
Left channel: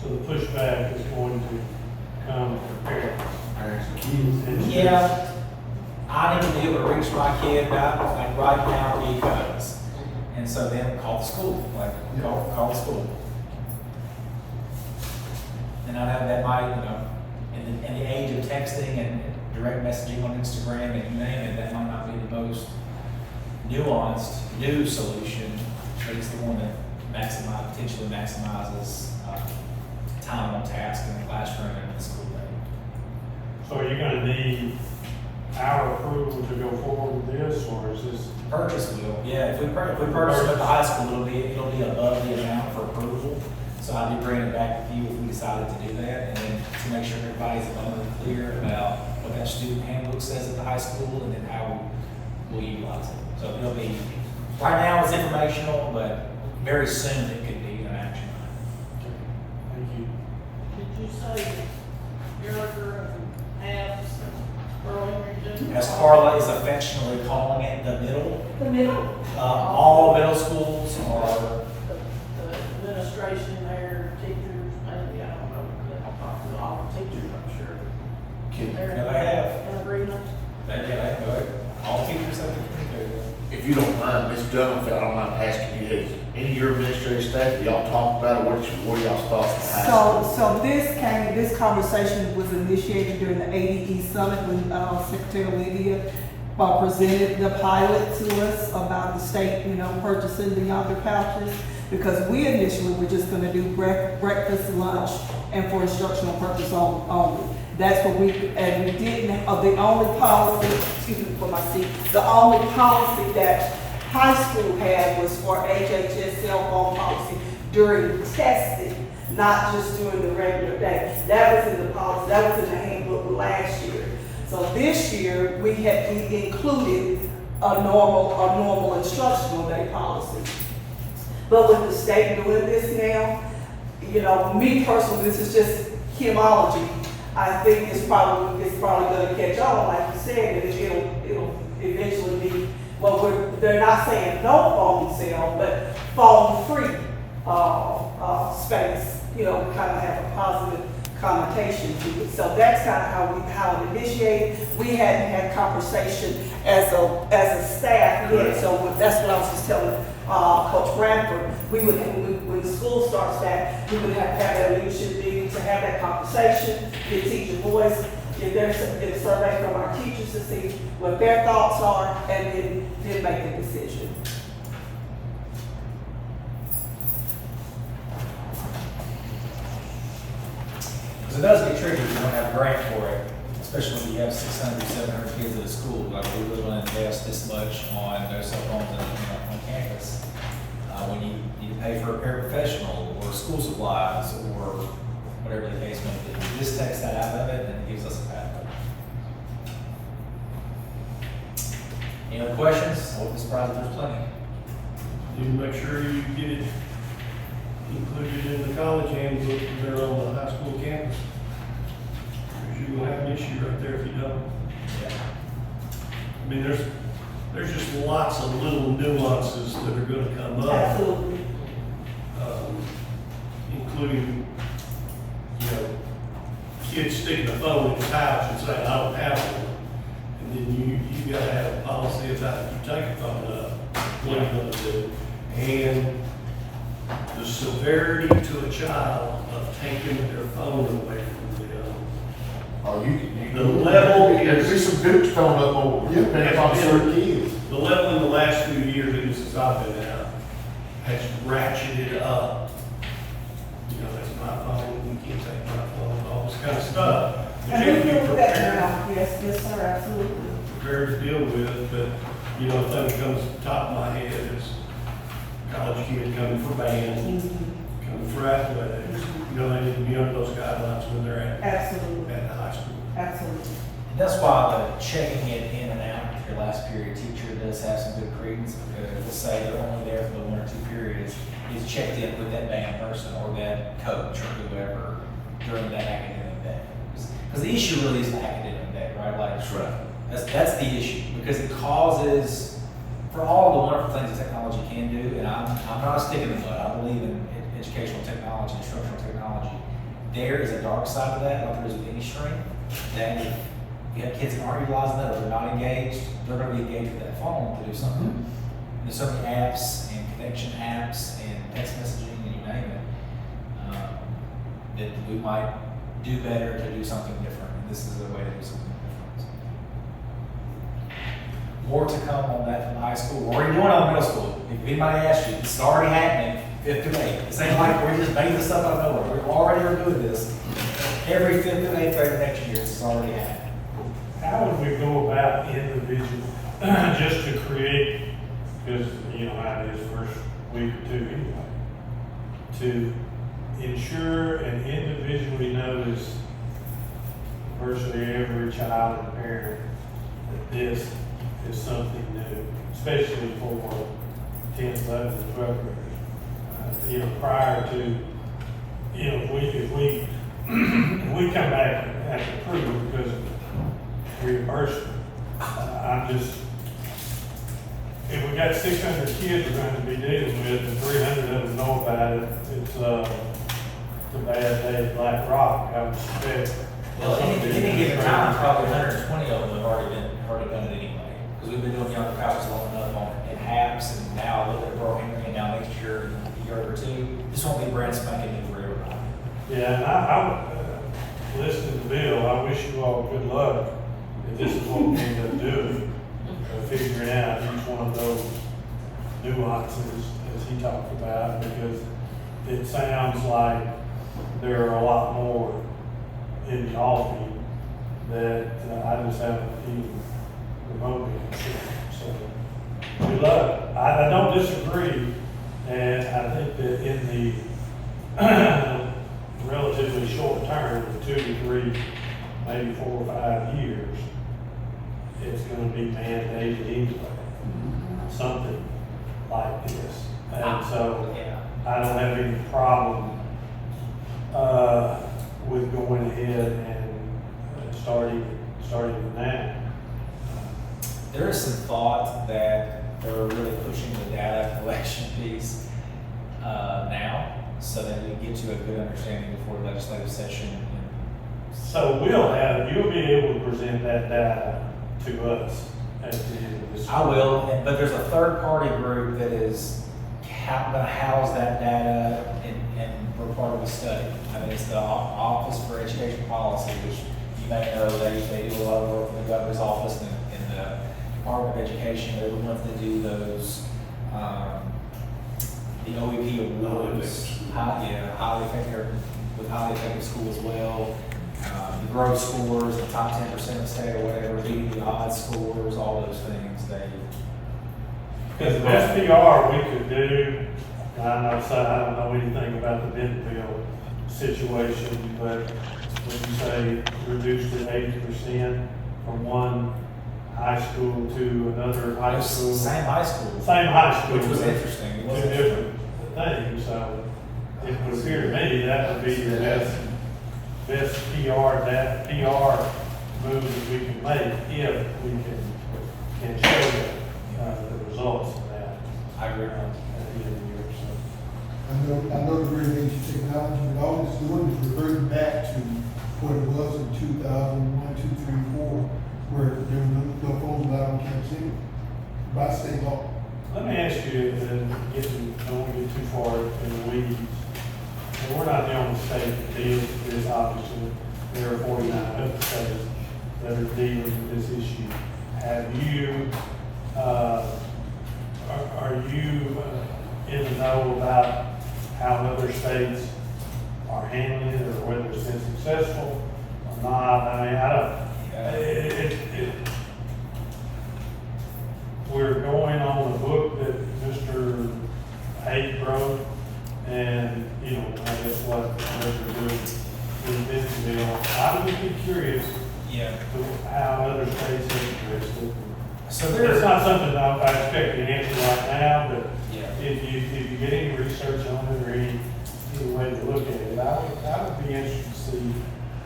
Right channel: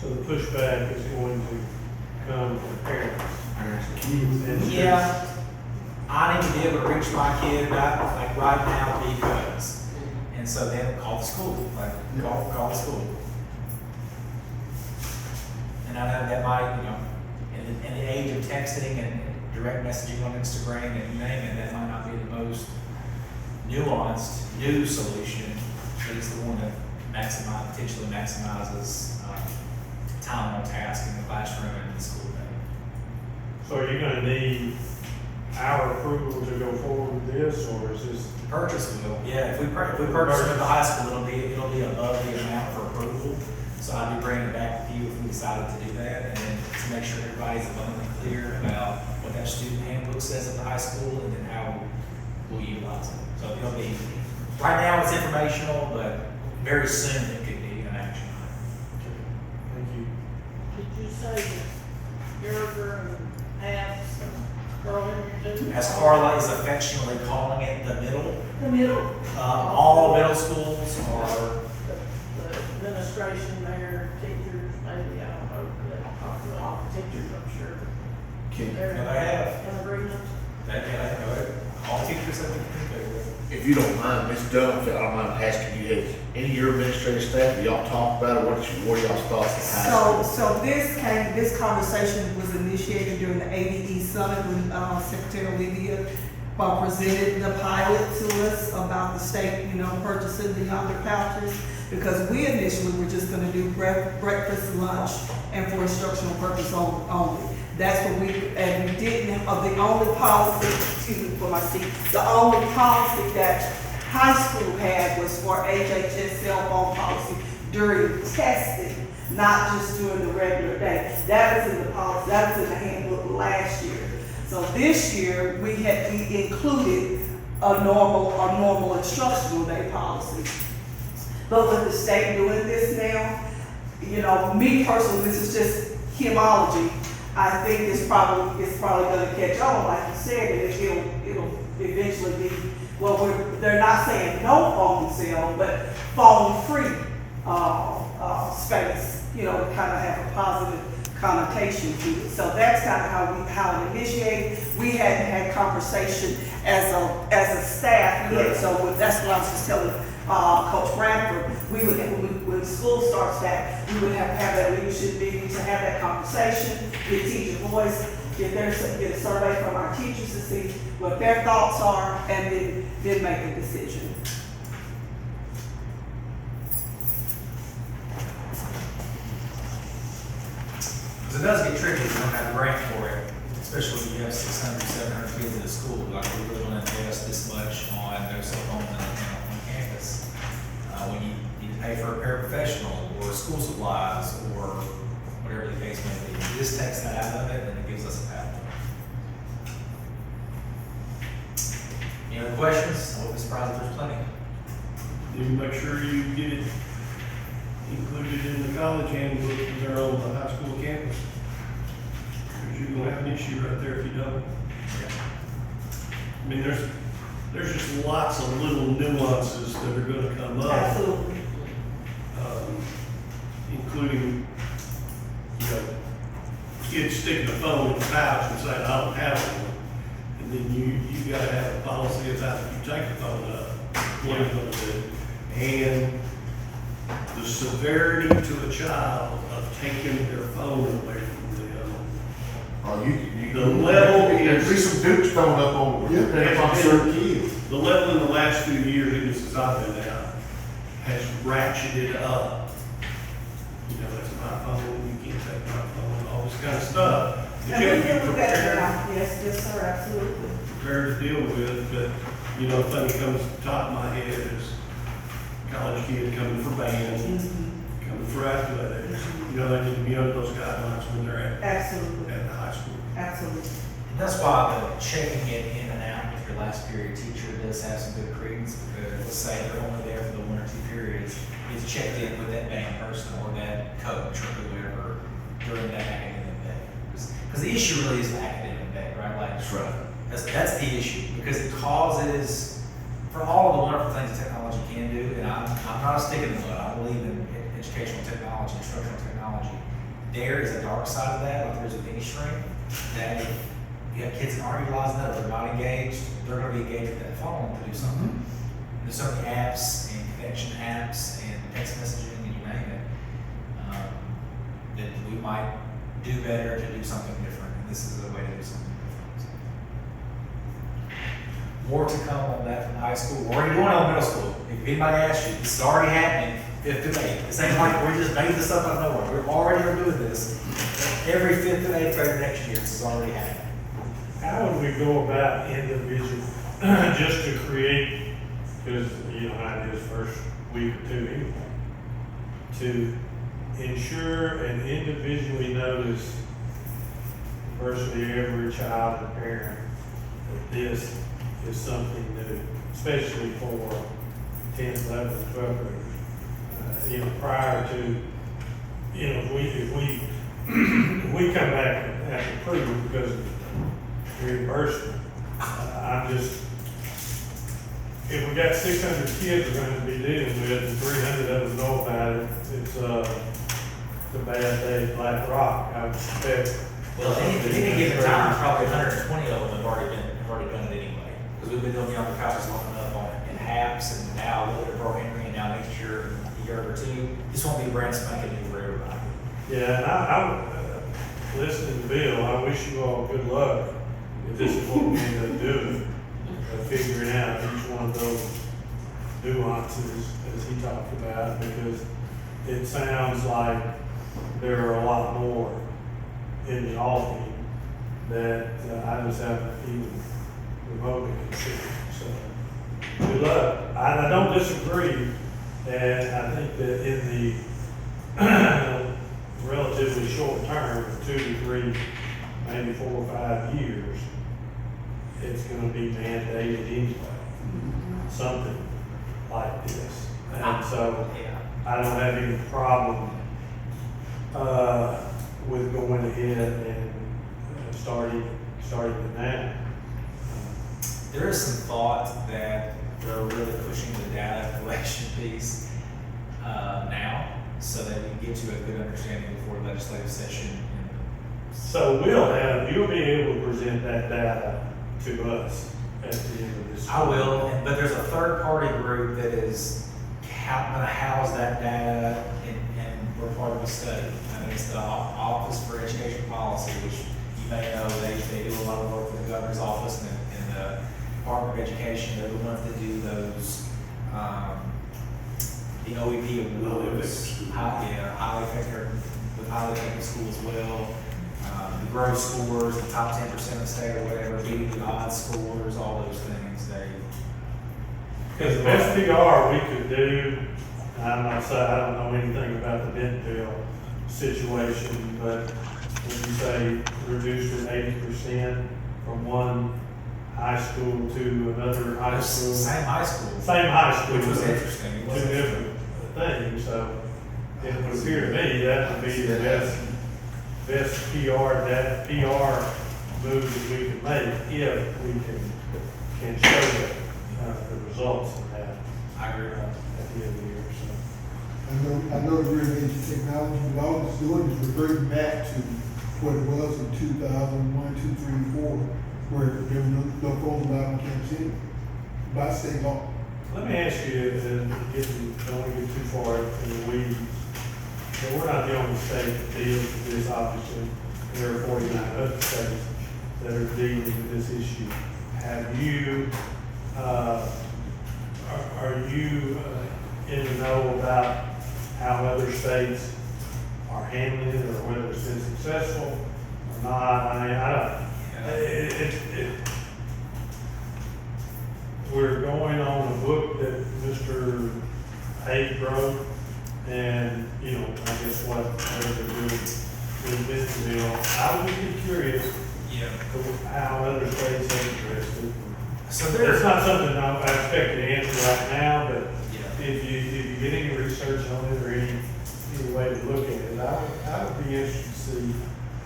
So the pushback is going to come from parents. Yeah, I need to be able to reach my kid about like right now because, and so then call the school, like call the school. And I know that might, in the age of texting and direct messaging on Instagram and you name it, that might not be the most nuanced new solution, but it's the one that potentially maximizes time on task in the classroom and in the school day. So are you gonna need our approval to go forward with this, or is this? Purchase will, yeah, if we purchase them at the high school, it'll be above the amount for approval. So I'd be bringing it back with you if we decided to do that, and to make sure everybody's abundantly clear about what that student handbook says at the high school, and then how we'll utilize it. So it'll be, right now it's informational, but very soon it could be an action item. Thank you. Did you say that Gerber and Abs and Burlington? As Carla is affectionately calling it, the middle, The middle. all middle schools are, The administration there, teachers, maybe, I don't know, but I'll talk to all the teachers, I'm sure. Yeah, they have. In agreement. go ahead. All teachers have to communicate with. If you don't mind, Ms. Dunn, I don't mind asking you, has any of your administrative staff, y'all talked about it, what are y'all's thoughts on high school? So this conversation was initiated during the ADE summit when Secretary Olivia presented the pilot to us about the state, purchasing the younger pouches. Because we initially were just gonna do breakfast, lunch, and for instructional purpose only. That's what and we didn't, the only policy, excuse me for my seat, the only policy that high school had was for HHS cell phone policy during testing, not just during the regular day. That was in the policy, that was in the handbook last year. So this year, we included a normal instructional day policy. But with the state doing this now, you know, me personally, this is just hymology. I think it's probably gonna catch on, like you said, it'll eventually be, well, they're not saying no phone cell, but phone-free, space, you know, kind of have a positive connotation to it. So that's kind of how it initiated. We had conversation as a staff, so that's what I was just telling, Coach Bradford. We would, when school starts that, we would have that leadership meeting to have that conversation, get teacher voice, get a survey from our teachers to see what their thoughts are, and then make a decision. Because it does get tricky if you don't have a grant for it, especially when you have 600, 700 kids at a school. Like, we really want to invest this much on no cell phones on campus. When you need to pay for a paraprofessional or school supplies or whatever the case may be. This takes that out of it and it gives us a pathway. Any other questions? I wouldn't be surprised if there's plenty. You make sure you get it included in the college handbook when they're on the high school campus. Because you're gonna have an issue right there if you don't. Yeah. I mean, there's just lots of little nuances that are gonna come up. Absolutely. Including, you know, kids sticking a phone in the pouch and saying, I don't have one. And then you gotta have a policy about if you take the phone up, what are you gonna do? And the severity to a child of taking their phone away from them. Oh, The level there's is- some dukes coming up on, Yeah. depending on certain kids. The level in the last few years, even since I've been out, has ratcheted up. You know, that's my phone, you can't take my phone, all this kind of stuff. You And have we to be do that prepared. now, yes, sir, absolutely. Prepared to deal with, but, you know, the thing that comes to the top of my head is college kid coming for band, coming for athletics. You know, they need to be under those guidelines when they're Absolutely, at high school. absolutely. And that's why the checking it in and out with your last period teacher does have some good credence, because let's say they're only there for the 1 or 2 periods, it's checked in with that band person or that coach or whoever during that academic day. Because the issue really is the academic day, right? Like, That's right. that's the issue, because it causes, for all the wonderful things that technology can do, and I'm not a stick in the mud, I believe in educational technology, instructional technology. There is a dark side of that, like there is with any strength, that if you have kids that aren't utilizing that or they're not engaged, they're gonna be engaged with that phone to do something. There's so many apps and connection apps and text messaging and you name it, that we might do better to do something different. And this is a way to do something different. More to come on that from high school. What are you doing on middle school? If anybody asks you, this is already happening, 5th through 8th. This ain't like we're just making this up out of nowhere. We already are doing this. Every 5th through 8th grade next year, this is already happening. How would we go about individual, just to create, because you know how it is first week or two anyway, to ensure and individually notice virtually every child and parent that this is something new, especially for 10th, 11th, and 12th graders. You know, prior to, you know, if we we come back and have to prove it because of reimbursement. I'm just, if we got 600 kids we're going to be dealing with, and 300 of them know about it, it's a bad day at Black Rock, I would suspect. Well, any given time, probably 120 of them have already done it anyway. Because we've been doing younger college long enough on in HAPS and now a little bit of Bro Henry, and now next year, a year or two, this won't be brand spanking new for everybody. Yeah, and I listening to Bill, I wish you all good luck if this is what we're gonna do, figuring out each one of those nuances as he talked about, because it sounds like there are a lot more in the offing that I just haven't even remotely considered. So, we love it. I don't disagree, and I think that in the relatively short term, of 2 to 3, maybe 4 or 5 years, it's gonna be mandated anyway, something like this. And so, Yeah. I don't have any problem, with going ahead and starting it now. There is some thought that they're really pushing the data collection piece now, so that we get to a good understanding before legislative session. So you'll be able to present that data to us at the end of this. I will, but there's a third-party group that is gonna house that data and we're part of the study. I mean, it's the Office for Education Policy, which you may know, they do a lot of work in the governor's office and in the Department of Education. They're the ones that do those, the OEP awards. Highly effective, with highly effective schools as well. The growth scores, the top 10% of the state or whatever, beating the odds scores, all those things, Because the SPR we could do, and I'm not saying, I don't know anything about the Denville situation, but when you say reduced it 80% from one high school to another high school. Same high school. Same high school. Which was interesting. It Two was different things, so it would appear to me that would be the best PR, that PR move that we can make if we can show the results of that. I agree. At the end of the year, so. I know the real age of technology, but all it's doing is reverting back to what it was in 2001, 2, 3, 4, where there were no phones allowed on campus anyway, by state law. Let me ask you, don't want to get too far in the weeds. And we're not the only state that deals with this, obviously. There are 49 other states that are dealing with this issue. Have you, are you in the know about how other states are handling it, or whether it's been successful or not? I mean, I don't, we're going on a book that Mr. Hayes wrote, and, you know, I guess what they're doing in Bentonville. I would just be curious Yeah. how other states have addressed it. So It's there's not something I expect you to answer right now, but Yeah. if you get any research on it or any way to look at it, I would be interested to see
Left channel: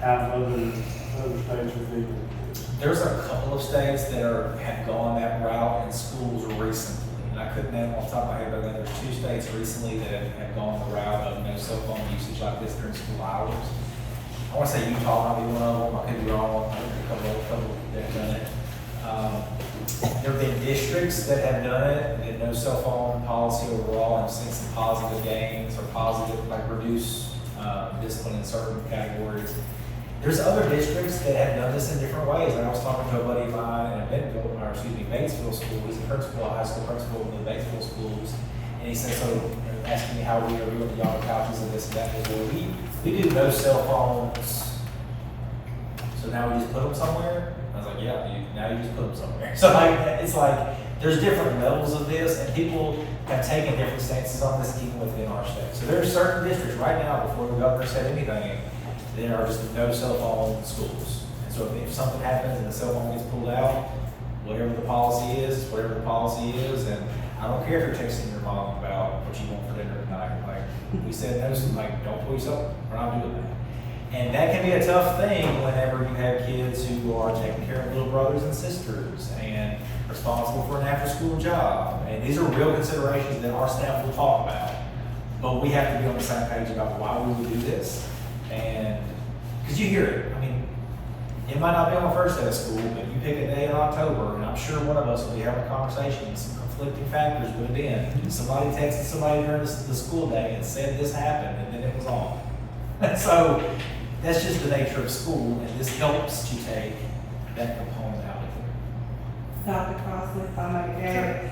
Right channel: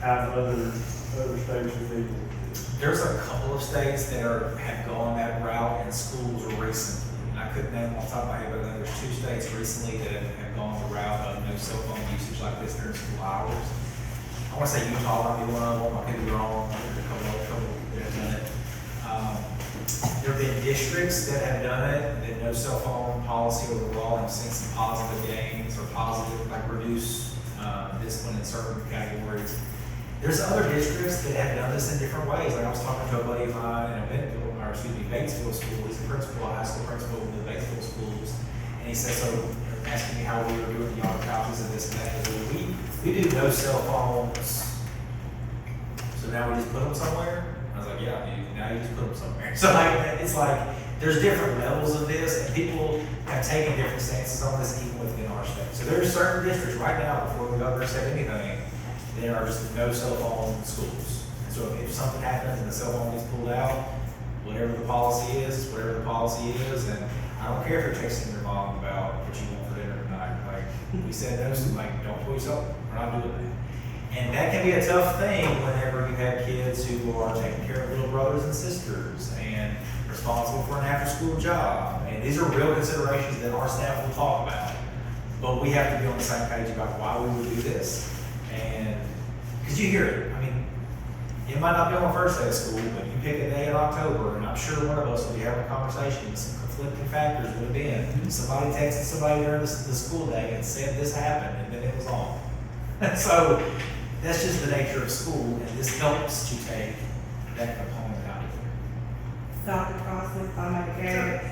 how other states are dealing with this. There's a couple of states that have gone that route in schools recently. And I couldn't name off the top of my head, but there's 2 states recently that have gone the route of no cell phone usage like this during school hours. I want to say Utah might be one of them. I could be wrong. There's a couple that have done it. There have been districts that have done it, that no cell phone policy overall. I've seen some positive gains or positive, like reduce discipline in certain categories. There's other districts that have done this in different ways. Like I was talking to a buddy of mine in Batesville School. He's a principal, a high school principal in the Batesville schools. And he said, so, asking me how we were doing the yard copies of this and that. He goes, we do no cell phones. So now we just put them somewhere? I was like, yeah, dude, now you just put them somewhere. So like, it's like, there's different levels of this, and people have taken different stances on this even within our state. So there's certain districts right now, before the governor said anything, there are just no cell phone schools. And so if something happens and the cell phone gets pulled out, whatever the policy is, whatever the policy is, and I don't care if you're texting your mom about what you want for dinner tonight. Like, we said no, so like, don't pull yourself, we're not doing that. And that can be a tough thing whenever you have kids who are taking care of little brothers and sisters and responsible for an after-school job. And these are real considerations that our staff will talk about. But we have to be on the same page about why we would do this. And, because you hear it, I mean, it might not be on the first day of school, but you pick a day in October, and I'm sure one of us will be having a conversation, and some conflicting factors would have been. Somebody texted somebody during the school day and said this happened, and then it was on. So, that's just the nature of school, and this helps to take that component out of Dr. Crossley, if I may add,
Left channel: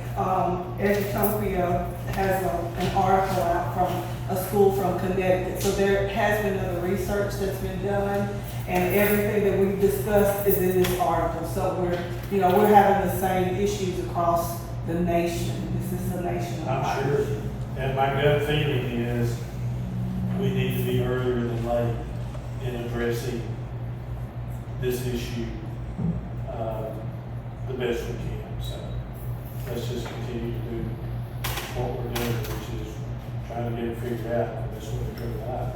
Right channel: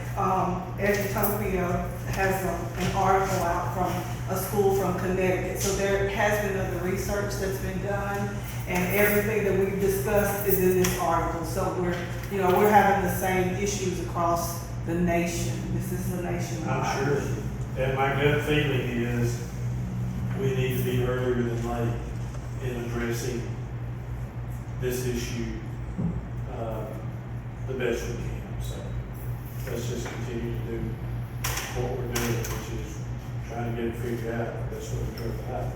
Edutopia has an article out from a school from Connecticut. So there has been other research that's been done, and everything that we've discussed is in this article. So we're having the same issues across the nation. This is a nationwide. I'm sure, and my gut feeling is we need to be earlier than late in addressing this issue, the best we can. So let's just continue to do what we're doing, which is trying to get it figured out, the best way to go about it.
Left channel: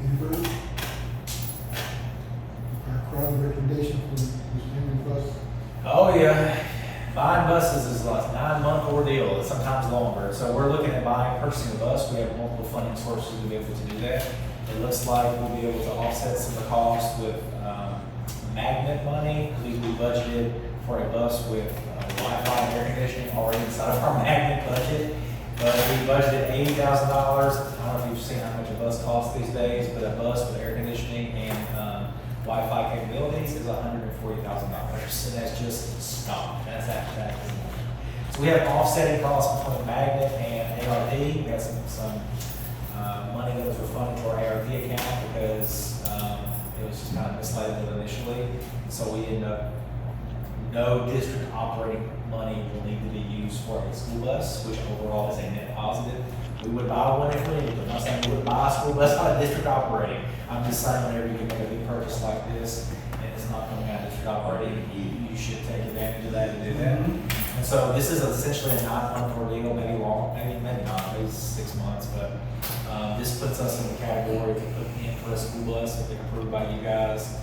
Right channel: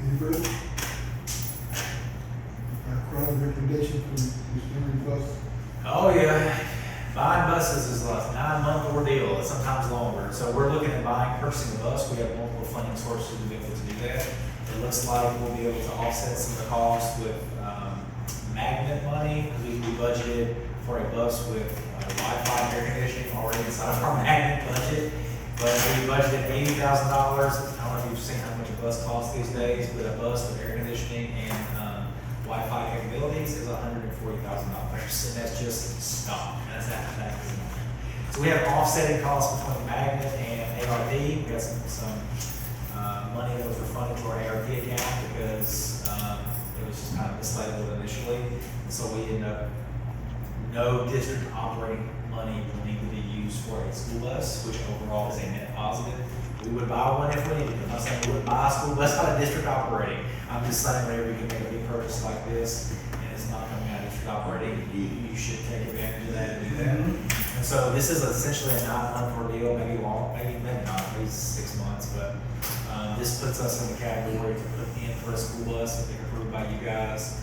Anybody? Cross recommendation from Mr. Henry Bus. Oh, yeah. Buying buses is like a 9-month ordeal, it's sometimes longer. So we're looking at purchasing a bus. We have multiple funding sources to be able to do that. It looks like we'll be able to offset some of the costs with magnet money. We budgeted for a bus with Wi-Fi and air conditioning already inside of our magnet budget. But we budgeted $80,000. I don't know if you've seen how much a bus costs these days, but a bus with air conditioning and Wi-Fi capabilities is $140,000, and that's just stock, and that's after tax. So we have offsetting costs between magnet and ARP. We had some money that was refunded to our ARP account because it was just kind of mislabeled initially. And so we ended up, no district operating money will need to be used for a school bus, which overall is a net positive. We would buy one if we needed it. I'm not saying we would buy a school bus out of district operating. I'm just saying whenever you can make a big purchase like this and it's not coming out of district operating, you should take advantage of that and do that. And so this is essentially a 9-month ordeal, maybe long, maybe not, maybe 6 months, but this puts us in the category to put in for a school bus if they're approved by you guys.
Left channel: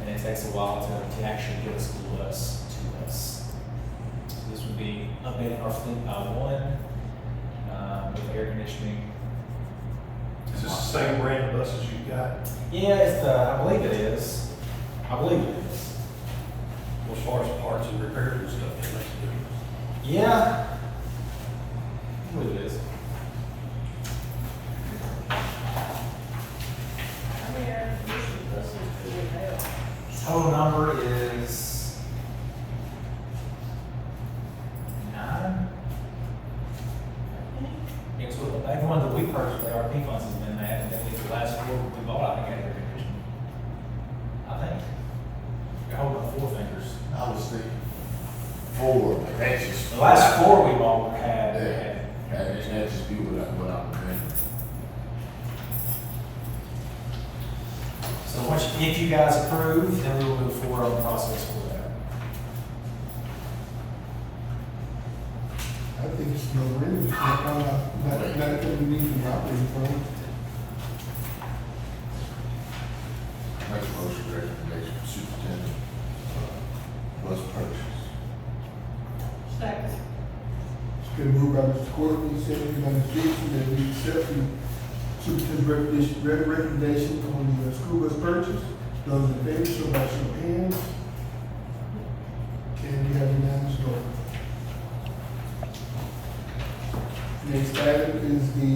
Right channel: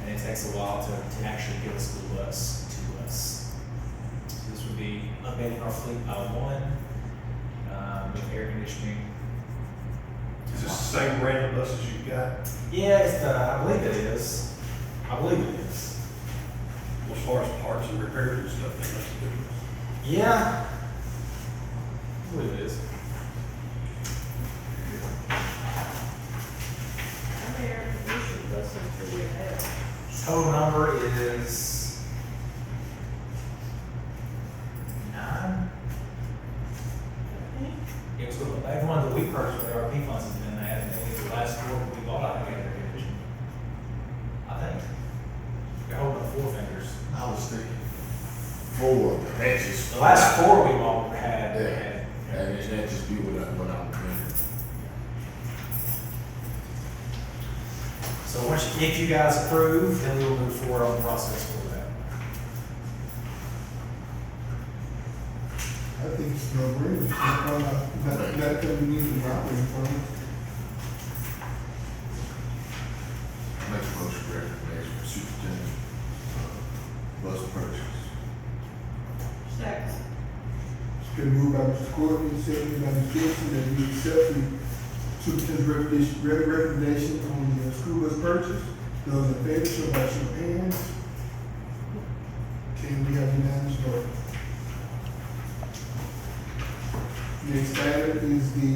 And it takes a while to actually get a school bus to us. So this would be updating our fleet by one. With air conditioning. Is this the same brand of buses you've got? Yeah, I believe it is. I believe it is. As far as parts and repairs and stuff, that's the difference. Yeah. I believe it is. How many air conditioning buses do we have? Total number is 9. It was every one that we purchased with ARP funds has been that, and then the last year we bought, I think, had air conditioning. I think. You're holding up 4 fingers. I was thinking 4, and that's just. The last 4 we bought had. Yeah, and that just be what I'm remembering. So if you guys approve, then we will move forward on the process for that. I think it's no brainer. Not that we need to operate from. Make a motion recommendation, superintendent, bus purchase. Second. It's been moved by Mr. Courtney, seconded by Ms. Gibson, that we accept the superintendent's recommendation on the school bus purchase. Those in favor, show by show of hands. Okay, we have unanimous vote. Next item is the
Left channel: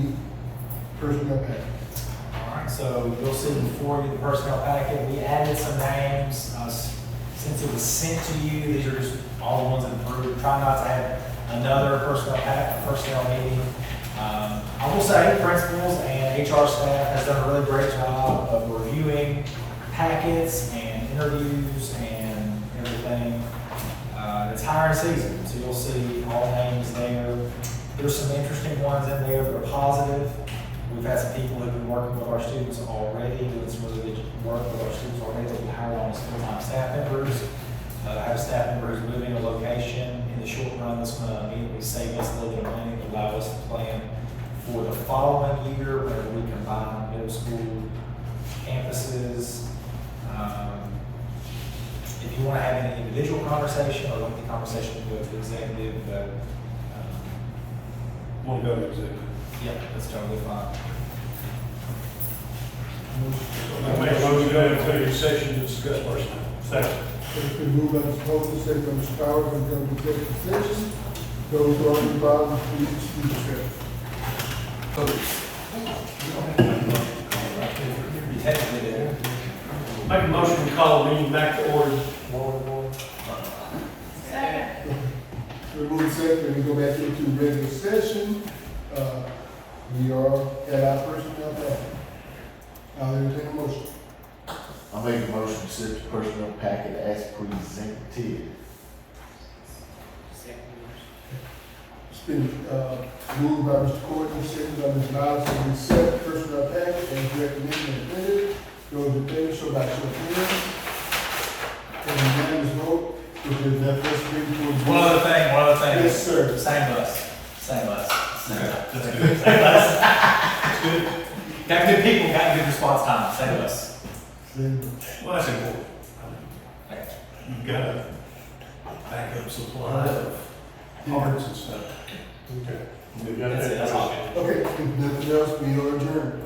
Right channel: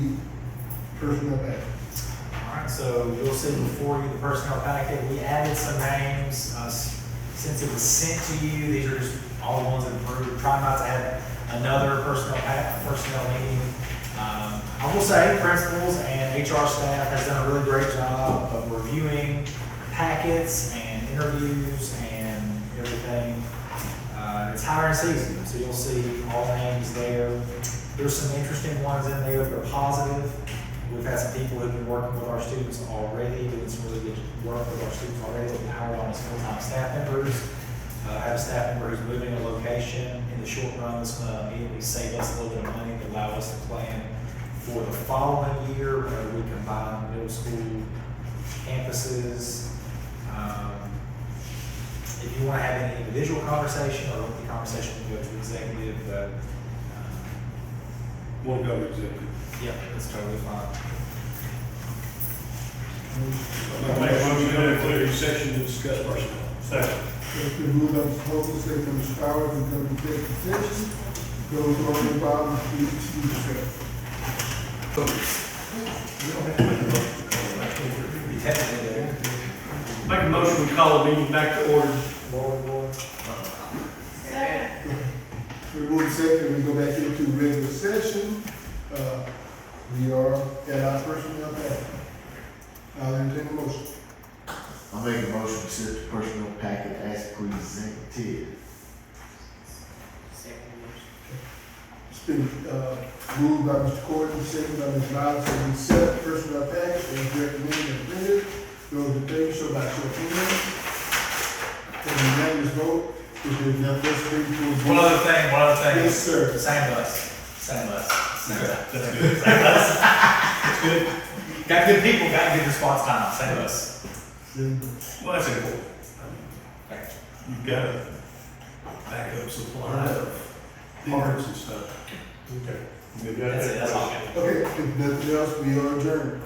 personnel package. All right, so you'll see before you the personnel packet, we added some names, since it was sent to you, these are just all the ones that approved. Try not to have another personnel meeting. I will say principals and HR staff has done a really great job of reviewing packets and interviews and everything. It's hiring season, so you'll see all the names there. There's some interesting ones in there that are positive. We've had some people who've been working with our students already, doing some really good work with our students already, that we hired on as full-time staff members. I have a staff member who's moving a location in the short run. This will immediately save us a little bit of money to allow us to plan for the following year, where we combine middle school campuses. If you want to have any individual conversation or lengthy conversation, you go to executive, but Want to go to executive? yeah, that's totally fine. I make a motion to go to executive session to discuss personnel. Second. It's been moved by Mr. Hope, seconded by Mr. Powers, and go to executive session. Those who are involved, please excuse yourself. You technically do. Make a motion, we call the meeting back to order. Second. We move second, we go back into regular session. We are at our personnel package. I'll entertain a motion. I make a motion to set the personnel packet as presented. It's been, moved by Mr. Courtney, seconded by Ms. Nyla, so we set personnel package as recommended and printed. Those in favor, show by show of hands. And unanimous vote, if there's enough, let's bring forward. One other thing. Yes, sir. Same bus, same bus. Same Okay, bus. that's good. Same bus. That's good. Got good people, got good response time, same bus. Well, that's important. Okay. You've got a backup supply of parts and stuff. Okay. That's it, that's all. Okay, if nothing else, we are adjourned.